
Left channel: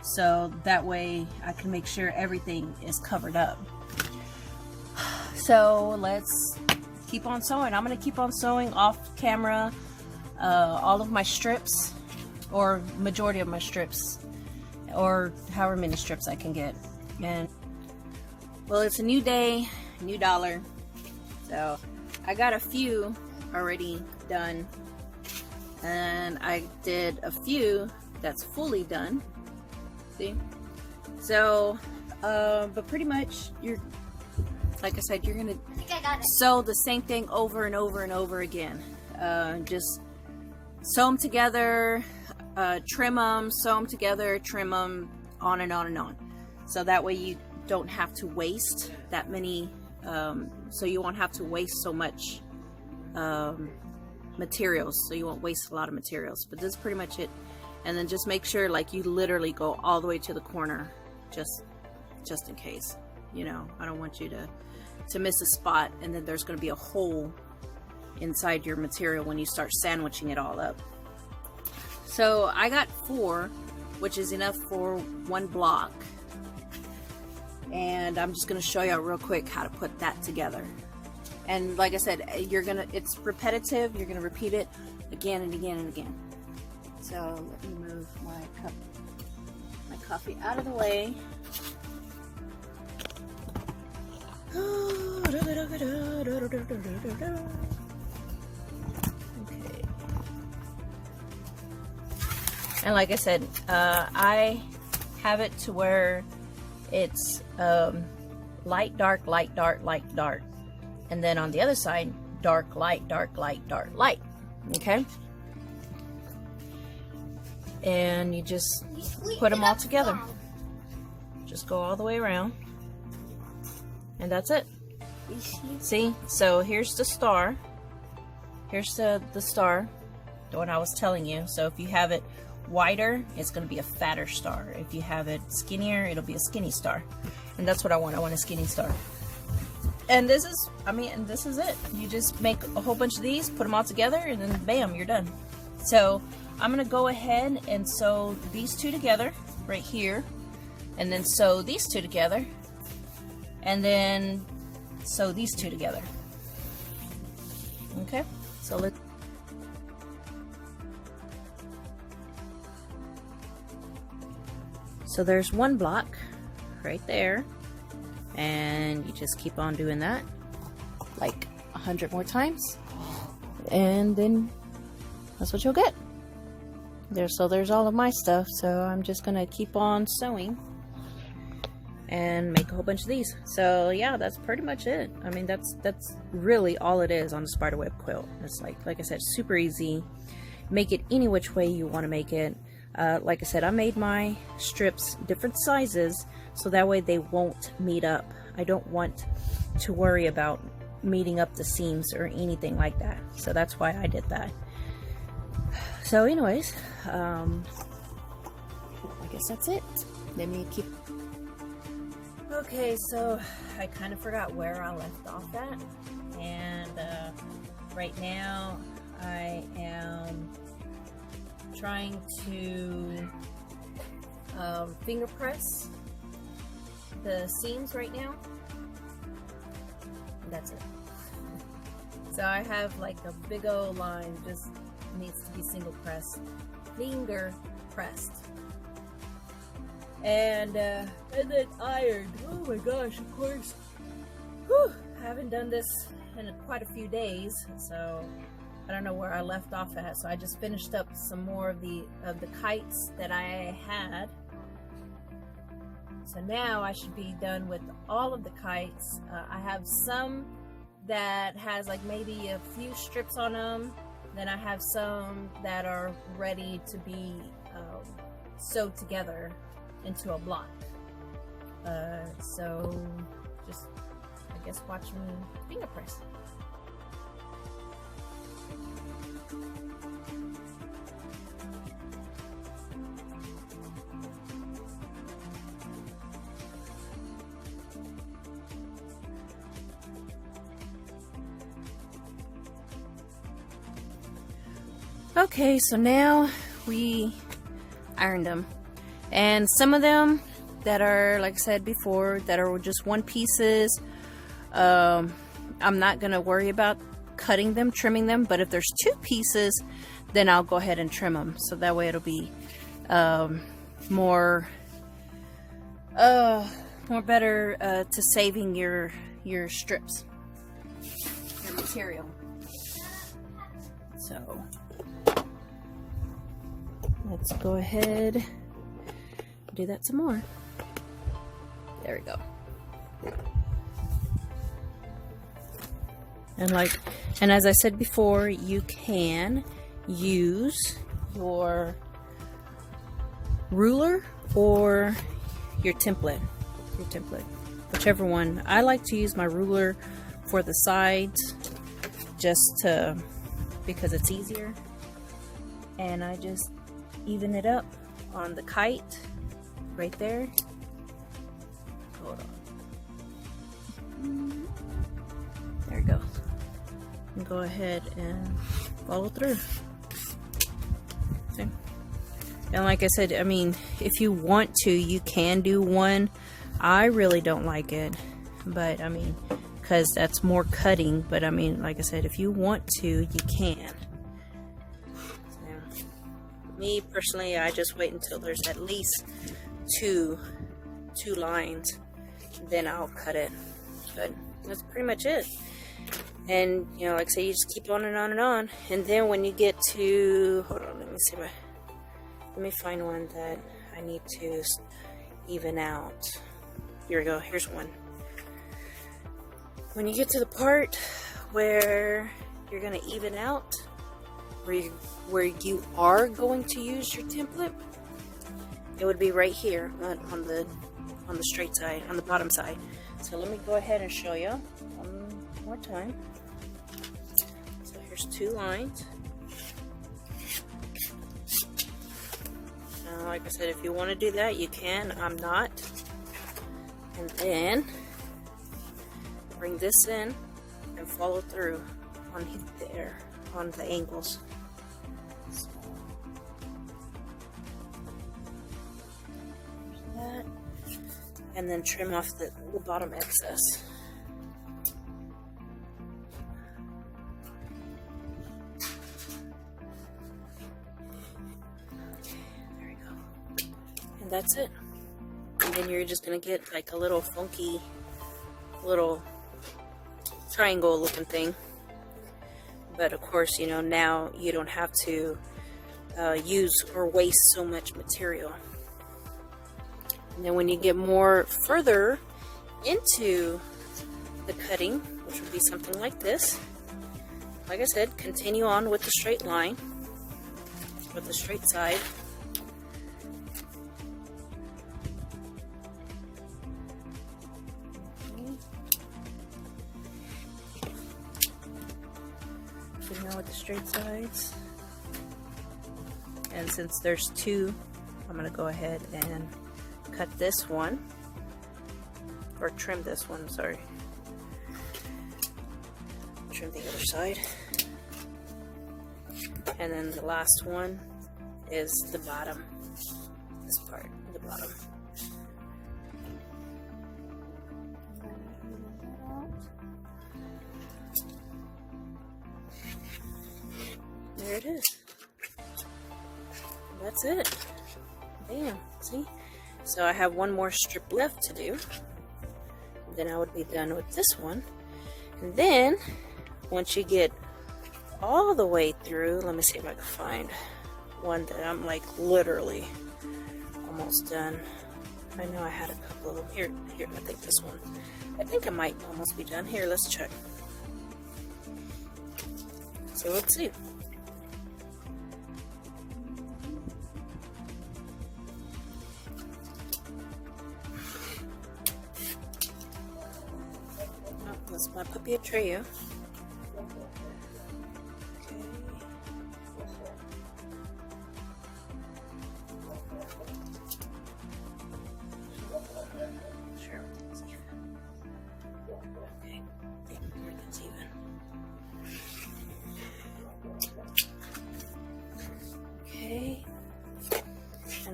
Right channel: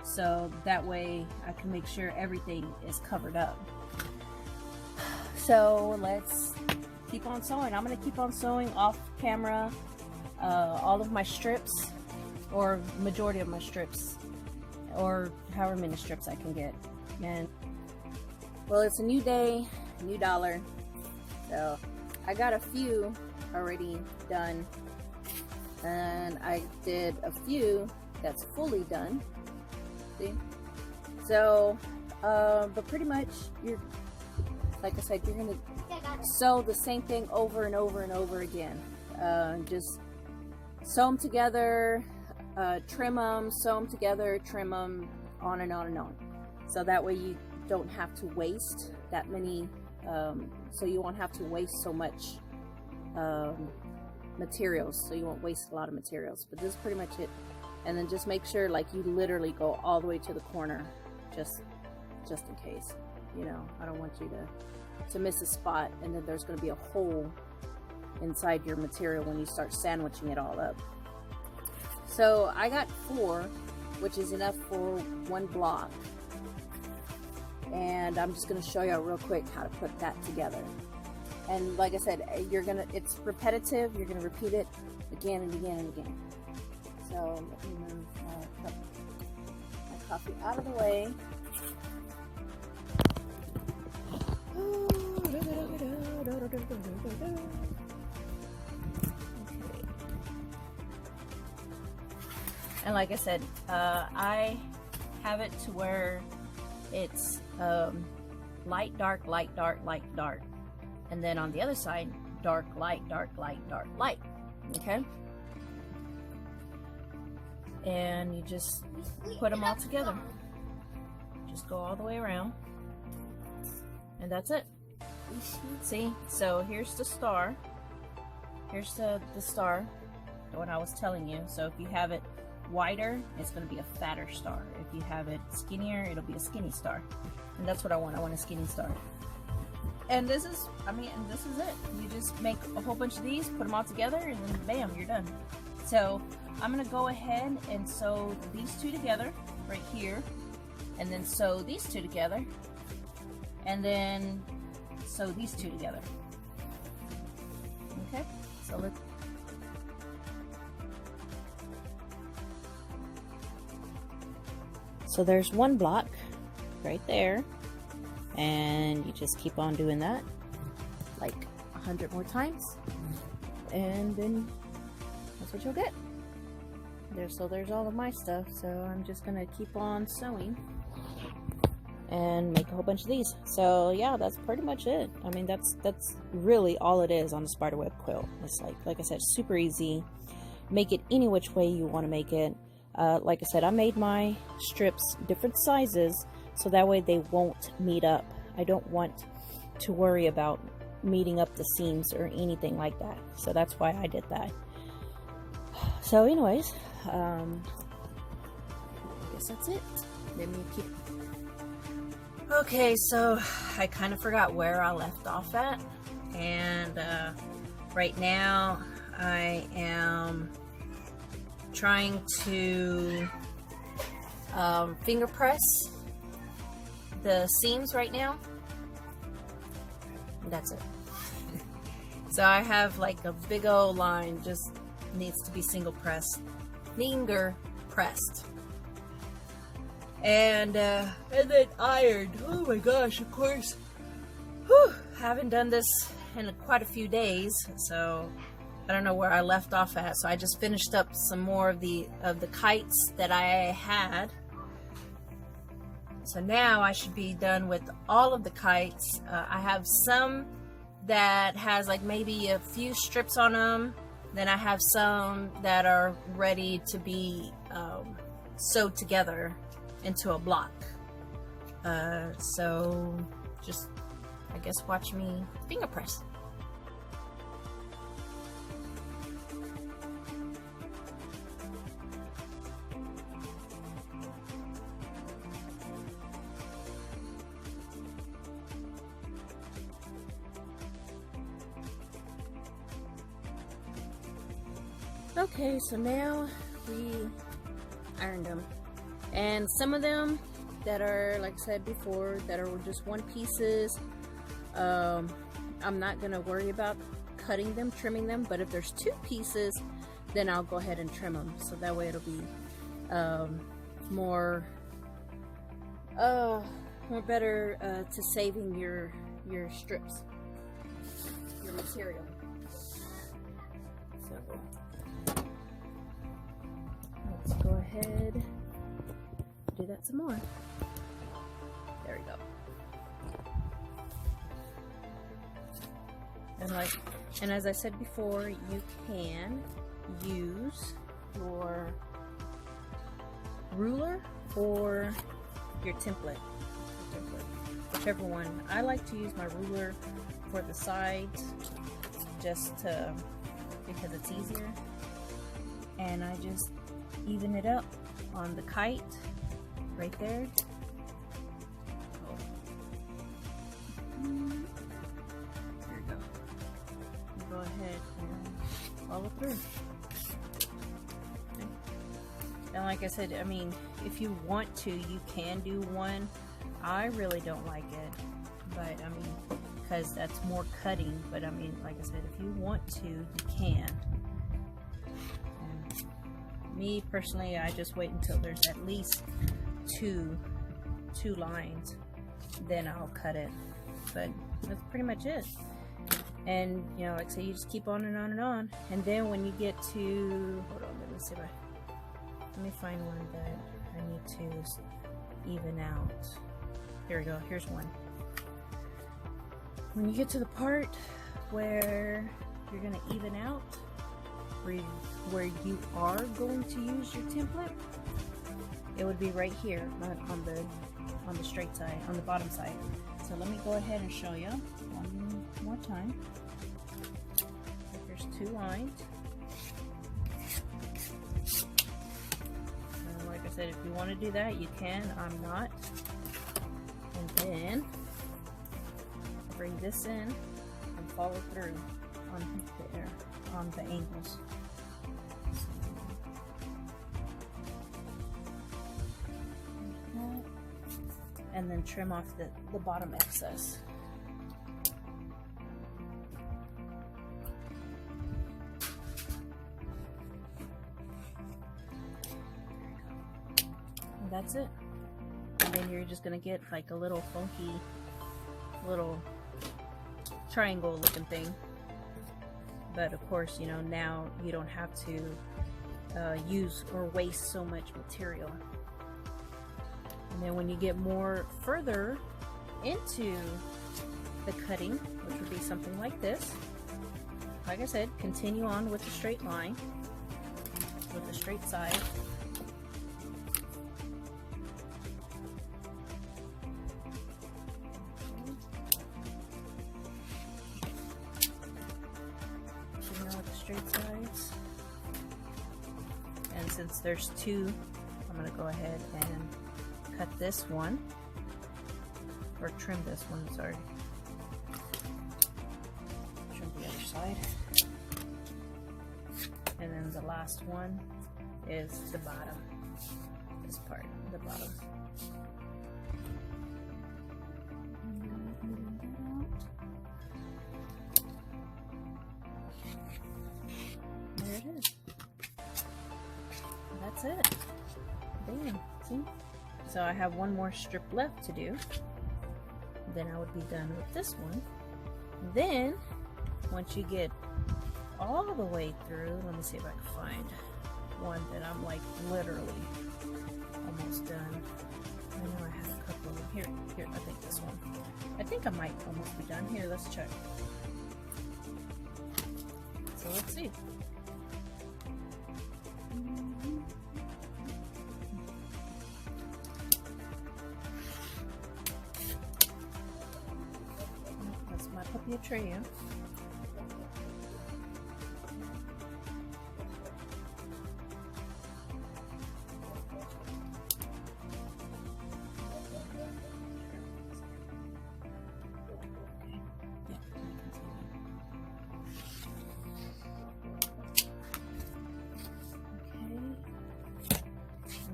so that way I can make sure everything is covered up. So let's keep on sewing. I'm gonna keep on sewing off camera all of my strips, or majority of my strips, or however many strips I can get. And well, it's a new day, new dollar, so I got a few already done, and I did a few that's fully done. See, so but pretty much you're, like I said, you're gonna sew the same thing over and over and over again. Just sew them together, trim them, sew them together, trim them, on and on and on. So that way you don't have to waste that many, so you won't have to waste so much materials, so you won't waste a lot of materials. But this is pretty much it. And then just make sure, like, you literally go all the way to the corner, just in case, you know. I don't want you to miss a spot and then there's going to be a hole inside your material when you start sandwiching it all up. So I got 4, which is enough for 1 block, and I'm just going to show you real quick how to put that together. And like I said, it's repetitive. You're going to repeat it again and again and again. So let me move my coffee out of the way. And like I said, I have it to where it's light, dark, light, dark, light, dark. And then on the other side, dark, light, dark, light, dark, light. Okay? And you just put them all together. Just go all the way around. And that's it. See? So here's the star. Here's the star, the one I was telling you. So if you have it wider, it's going to be a fatter star. If you have it skinnier, it'll be a skinny star. And that's what I want. I want a skinny star. And this is, and this is it. You just make a whole bunch of these, put them all together, and then bam, you're done. So I'm going to go ahead and sew these 2 together right here, and then sew these 2 together, and then sew these 2 together. Okay, so let's. So there's 1 block right there, and you just keep on doing that like 100 more times, and then that's what you'll get. So there's all of my stuff, so I'm just gonna keep on sewing and make a whole bunch of these. So yeah, that's pretty much it. I mean, that's really all it is on a spiderweb quilt. It's like I said, super easy. Make it any which way you want to make it. Like I said, I made my strips different sizes so that way they won't meet up. I don't want to worry about meeting up the seams or anything like that. So that's why I did that. So anyways, I guess that's it. Let me keep. Okay, so I kind of forgot where I left off at, and right now I am trying to finger press the seams right now. That's it. So I have like a big old line, just needs to be finger pressed, and then ironed. Oh my gosh, of course. Whew, I haven't done this in quite a few days, so I don't know where I left off at. So I just finished up some more of the kites that I had. So now I should be done with all of the kites. I have some that has like maybe a few strips on them. Then I have some that are ready to be sewed together into a block. So just, I guess, watch me finger press. Okay, so now pre-ironed them. And some of them that are, like I said before, that are just one pieces, I'm not gonna worry about cutting them, trimming them. But if there's two pieces, then I'll go ahead and trim them, so that way it'll be more better to saving your strips, your material. So let's go ahead and do that some more. There we go. And as I said before, you can use your ruler or your template, whichever one. I like to use my ruler for the sides, just because it's easier, and I just even it up on the kite right there. There it goes. And go ahead and follow through. Okay. And like I said, I mean, if you want to, you can do one. I really don't like it, but I mean, because that's more cutting. But I mean, like I said, if you want to, you can. So, me personally, I just wait until there's at least two lines, then I'll cut it. But that's pretty much it. And you know, like I say, you just keep on and on and on. And then when you get to, hold on, let me find one that I need to even out. Here we go, here's one. When you get to the part where you're going to even out, where you are going to use your template, it would be right here on the straight side, on the bottom side. So let me go ahead and show you one more time. So here's two lines. Now, like I said, if you want to do that, you can. I'm not. And then bring this in and follow through on there, on the angles. So, that. And then trim off the bottom excess. There we go. And that's it. And then you're just gonna get like a little funky little triangle looking thing. But of course, you know, now you don't have to use or waste so much material. And then when you get more further into the cutting, which would be something like this, like I said, continue on with the straight line, with the straight side. With the straight sides. And since there's two, I'm going to go ahead and cut this one, or trim this one, sorry. Trim the other side. And then the last one is the bottom, this part, the bottom. There it is. That's it. Bam. See? So I have one more strip left to do. Then I would be done with this one. And then, once you get all the way through, let me see if I can find one that I'm like literally almost done. I know I had a couple of them. Here, I think this one. I think I might almost be done. Here, let's check. So let's see. That's my puppy Atreyu. Okay,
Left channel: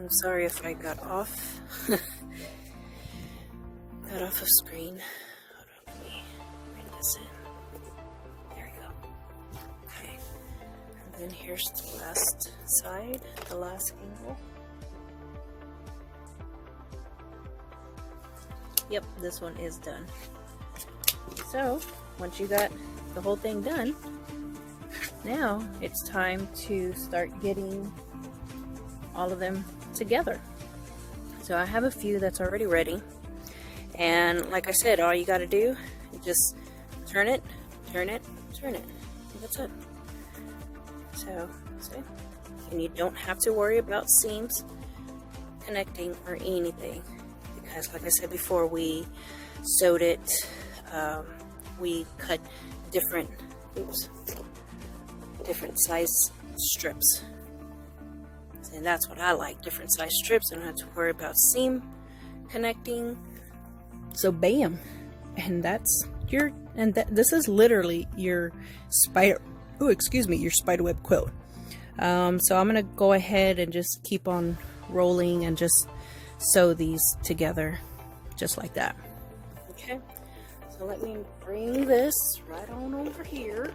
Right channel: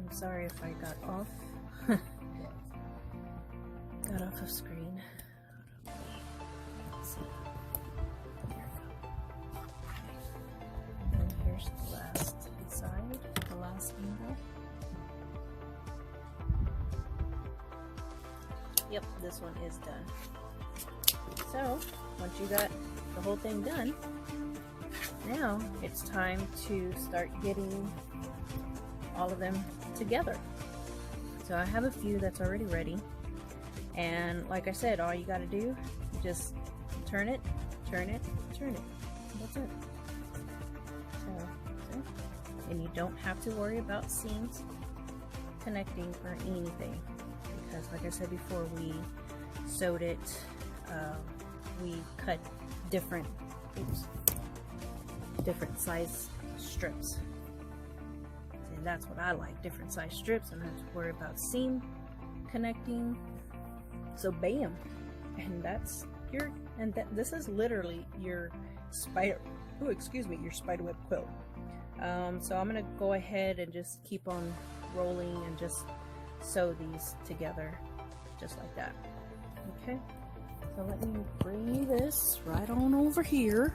I'm sorry if I got off of screen. Hold on, let me bring this in. There we go. Okay. And then here's the last side, the last angle. Yep, this one is done. So, once you got the whole thing done, now it's time to start getting all of them together. So I have a few that's already ready. And like I said, all you got to do is just turn it, turn it, turn it. That's it. So, see? And you don't have to worry about seams connecting or anything. Because like I said before, we sewed it, we cut different size strips. And that's what I like, different size strips. I don't have to worry about seam connecting. So bam, and that's your, this is literally your your spiderweb quilt. So I'm gonna go ahead and just keep on rolling and just sew these together just like that. Okay, so let me bring this right on over here.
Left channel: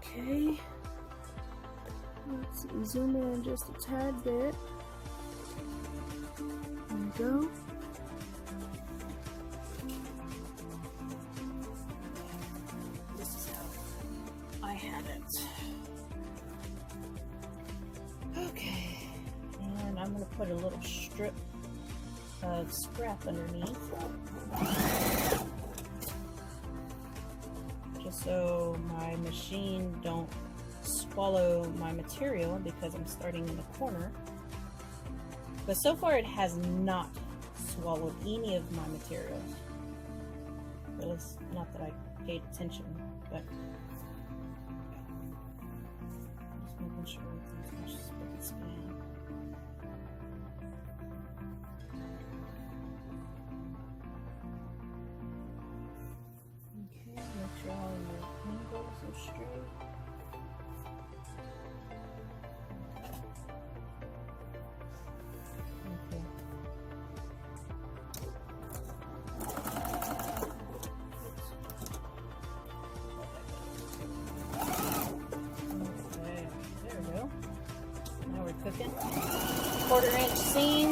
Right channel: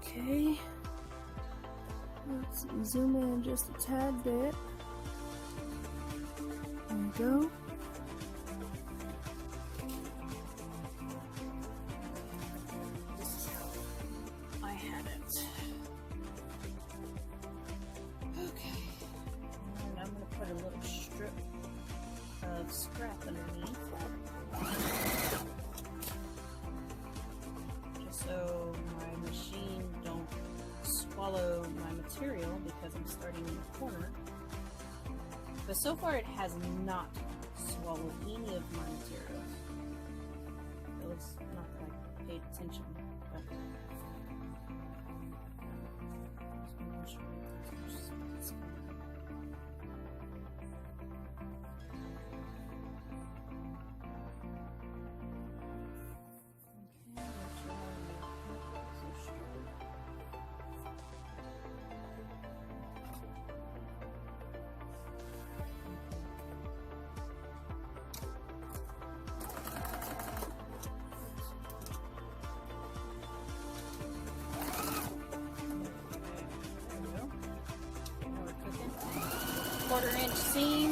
Okay, let's zoom in just a tad bit. There we go. This is how I had it. Okay, and I'm going to put a little strip of scrap underneath, just so my machine don't swallow my material, because I'm starting in the corner. But so far it has not swallowed any of my materials. It was not that I paid attention, but just making sure everything's just fine. Okay, make sure all your angles are straight. Cooking. 1/4 inch seam.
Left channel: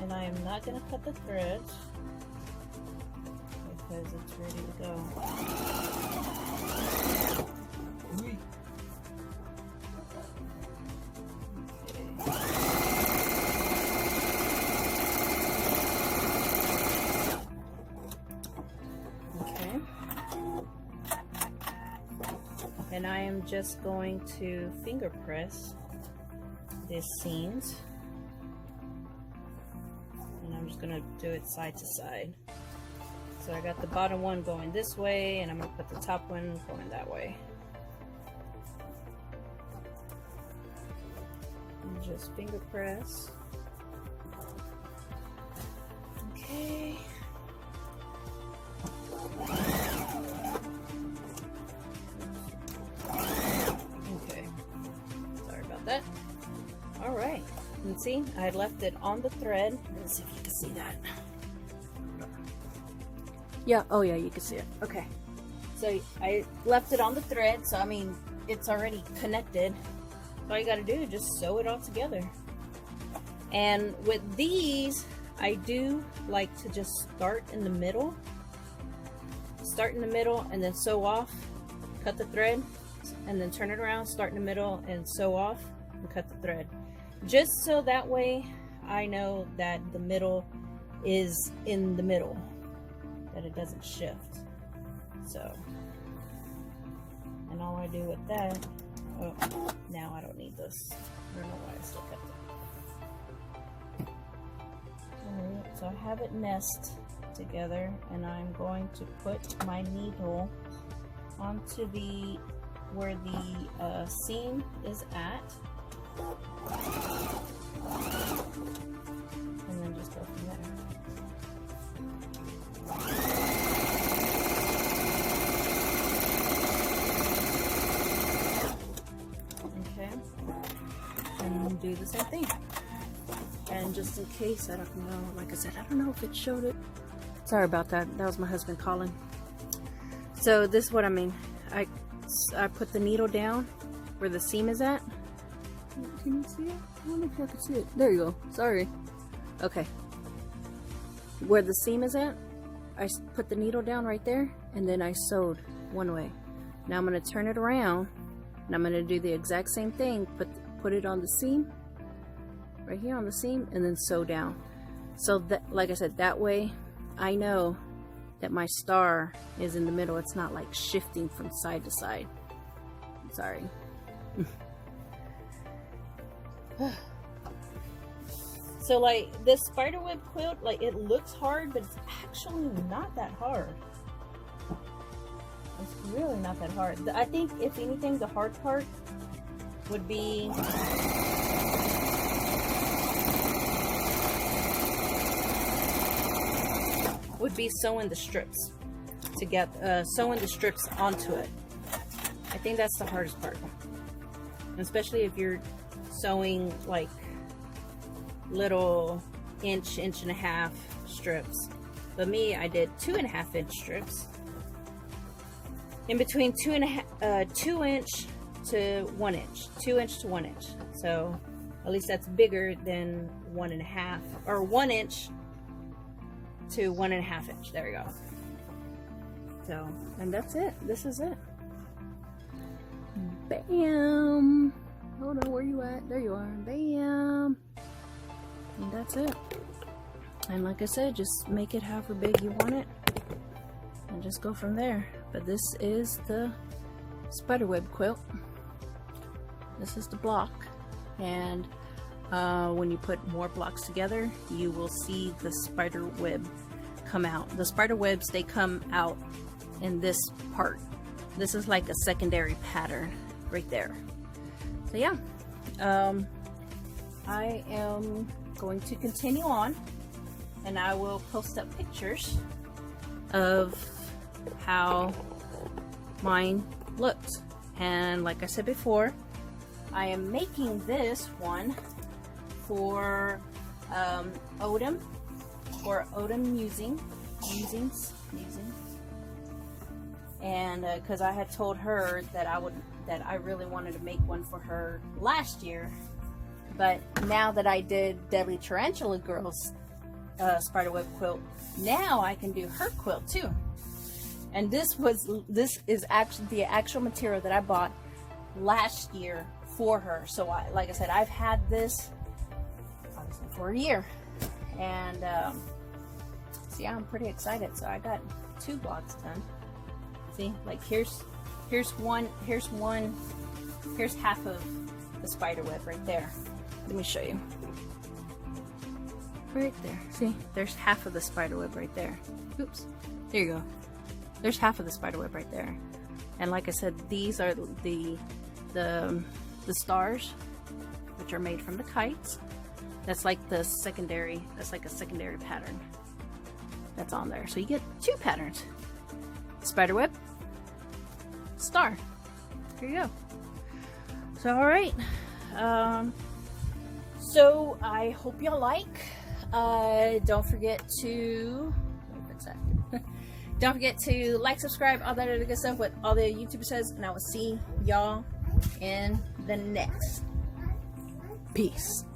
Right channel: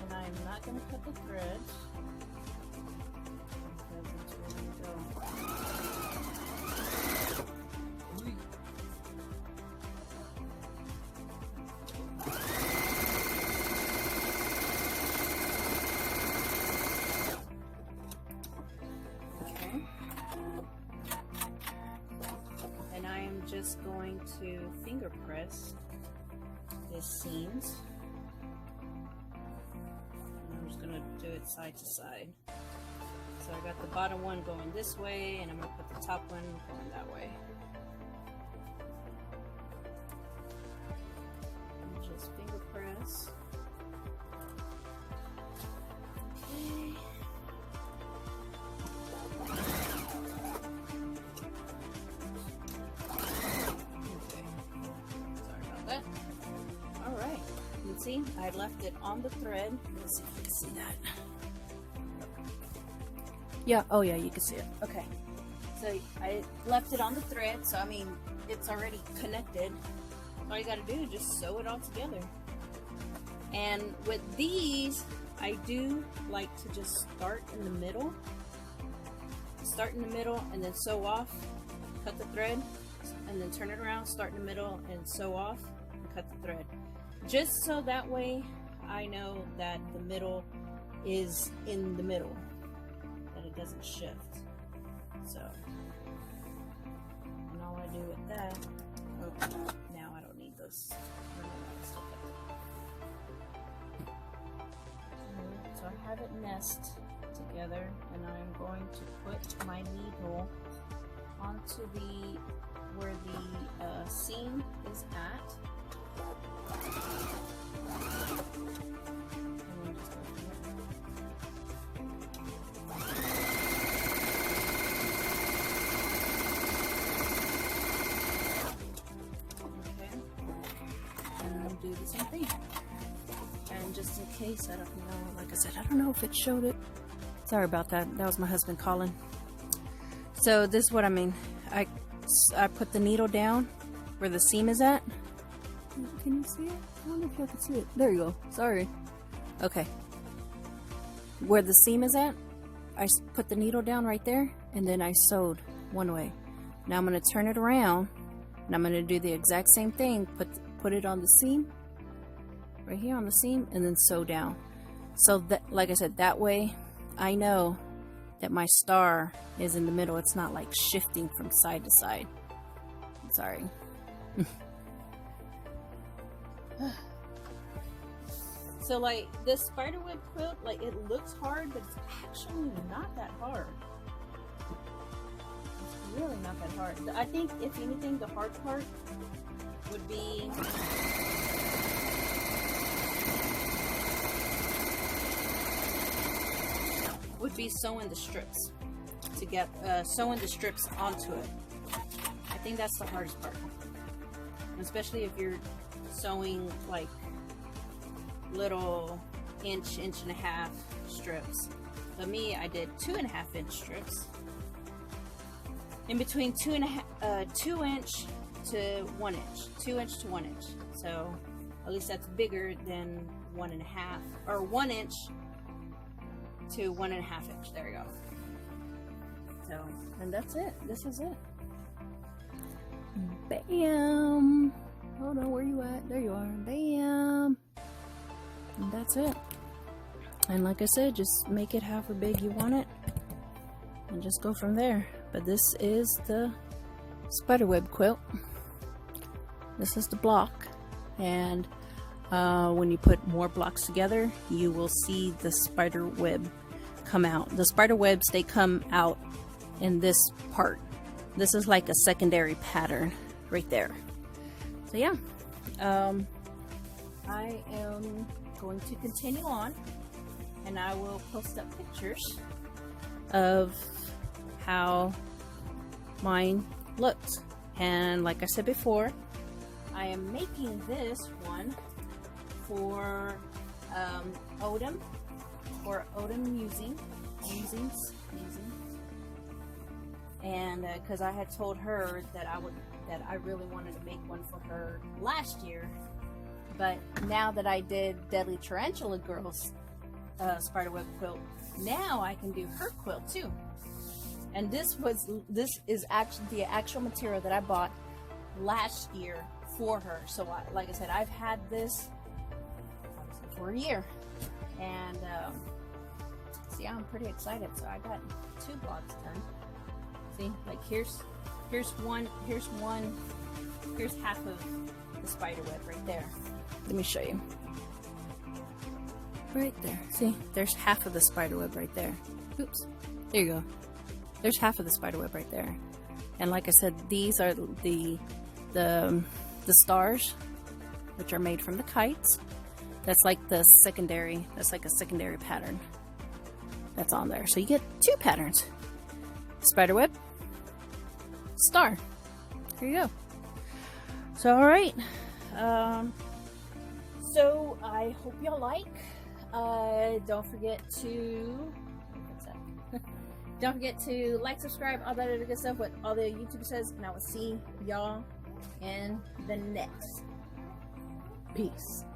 And I am not going to cut the threads because it's ready to go. And I am just going to finger press these seams, and I'm just going to do it side to side. So I got the bottom one going this way, and I'm going to put the top one going that way. And just finger press. Okay. Alright, you can see I left it on the thread. Let's see if you can see that. Yeah, oh yeah, you can see it. Okay, so I left it on the thread, so I mean, it's already connected. So all you gotta do is just sew it all together. And with these, I do like to just start in the middle. Start in the middle and then sew off, cut the thread, and then turn it around, start in the middle and sew off and cut the thread. Just so that way I know that the middle is in the middle, that it doesn't shift. So, and all I do with that, oh, now I don't need this. I don't know why I still kept it. Alright, so I have it nested together, and I'm going to put my needle onto the, where the seam is at. And then just go from there. do the same thing. And just in case, I don't know, like I said, I don't know if it showed it. Sorry about that. That was my husband calling. So this is what I mean. I put the needle down where the seam is at. Can you see it? I don't know if you can see it. There you go. Sorry. Okay. Where the seam is at, I put the needle down right there, and then I sewed one way. Now I'm going to turn it around, and I'm going to do the exact same thing. Put it on the seam, right here on the seam, and then sew down. So that, like I said, that way I know that my star is in the middle. It's not like shifting from side to side. Sorry. So like this spiderweb quilt, like it looks hard, but it's actually not that hard. It's really not that hard. I think if anything, the hard part would be sewing the strips to get sewing the strips onto it. I think that's the hardest part, especially if you're sewing like little inch and a half strips. But me, I did 2.5 inch strips in between 2 inch to 1 inch, 2 inch to 1 inch. So at least that's bigger than 1.5 or 1 inch to 1.5 inch. There we go. So, and that's it. This is it. Bam. Hold on, where you at? There you are. Bam. And that's it. And like I said, just make it however big you want it and just go from there. But this is the spiderweb quilt. This is the block, and when you put more blocks together, you will see the spider web come out. The spider webs, they come out in this part. This is like a secondary pattern right there. So yeah, I am going to continue on, and I will post up pictures of how mine looks. And like I said before, I am making this one for Odom, for Odom musings, and because I had told her that I really wanted to make one for her last year, but now that I did Deadly Tarantula Girls spiderweb quilt, now I can do her quilt too. And this is actually the actual material that I bought last year for her. So like I said, I've had this obviously for a year, and so yeah, I'm pretty excited. So I got 2 blocks done. See, like here's half of the spider web right there. Let me show you. Right there. See, there's half of the spider web right there. Oops. There you go. There's half of the spider web right there. And like I said, these are the stars, which are made from the kites. That's like the secondary. That's like a secondary pattern that's on there. So you get 2 patterns: spider web, star. There you go. So all right. So I hope y'all like. Don't forget to don't forget to like, subscribe, all that other good stuff, what all the YouTuber says, and I will see y'all in the next. Peace.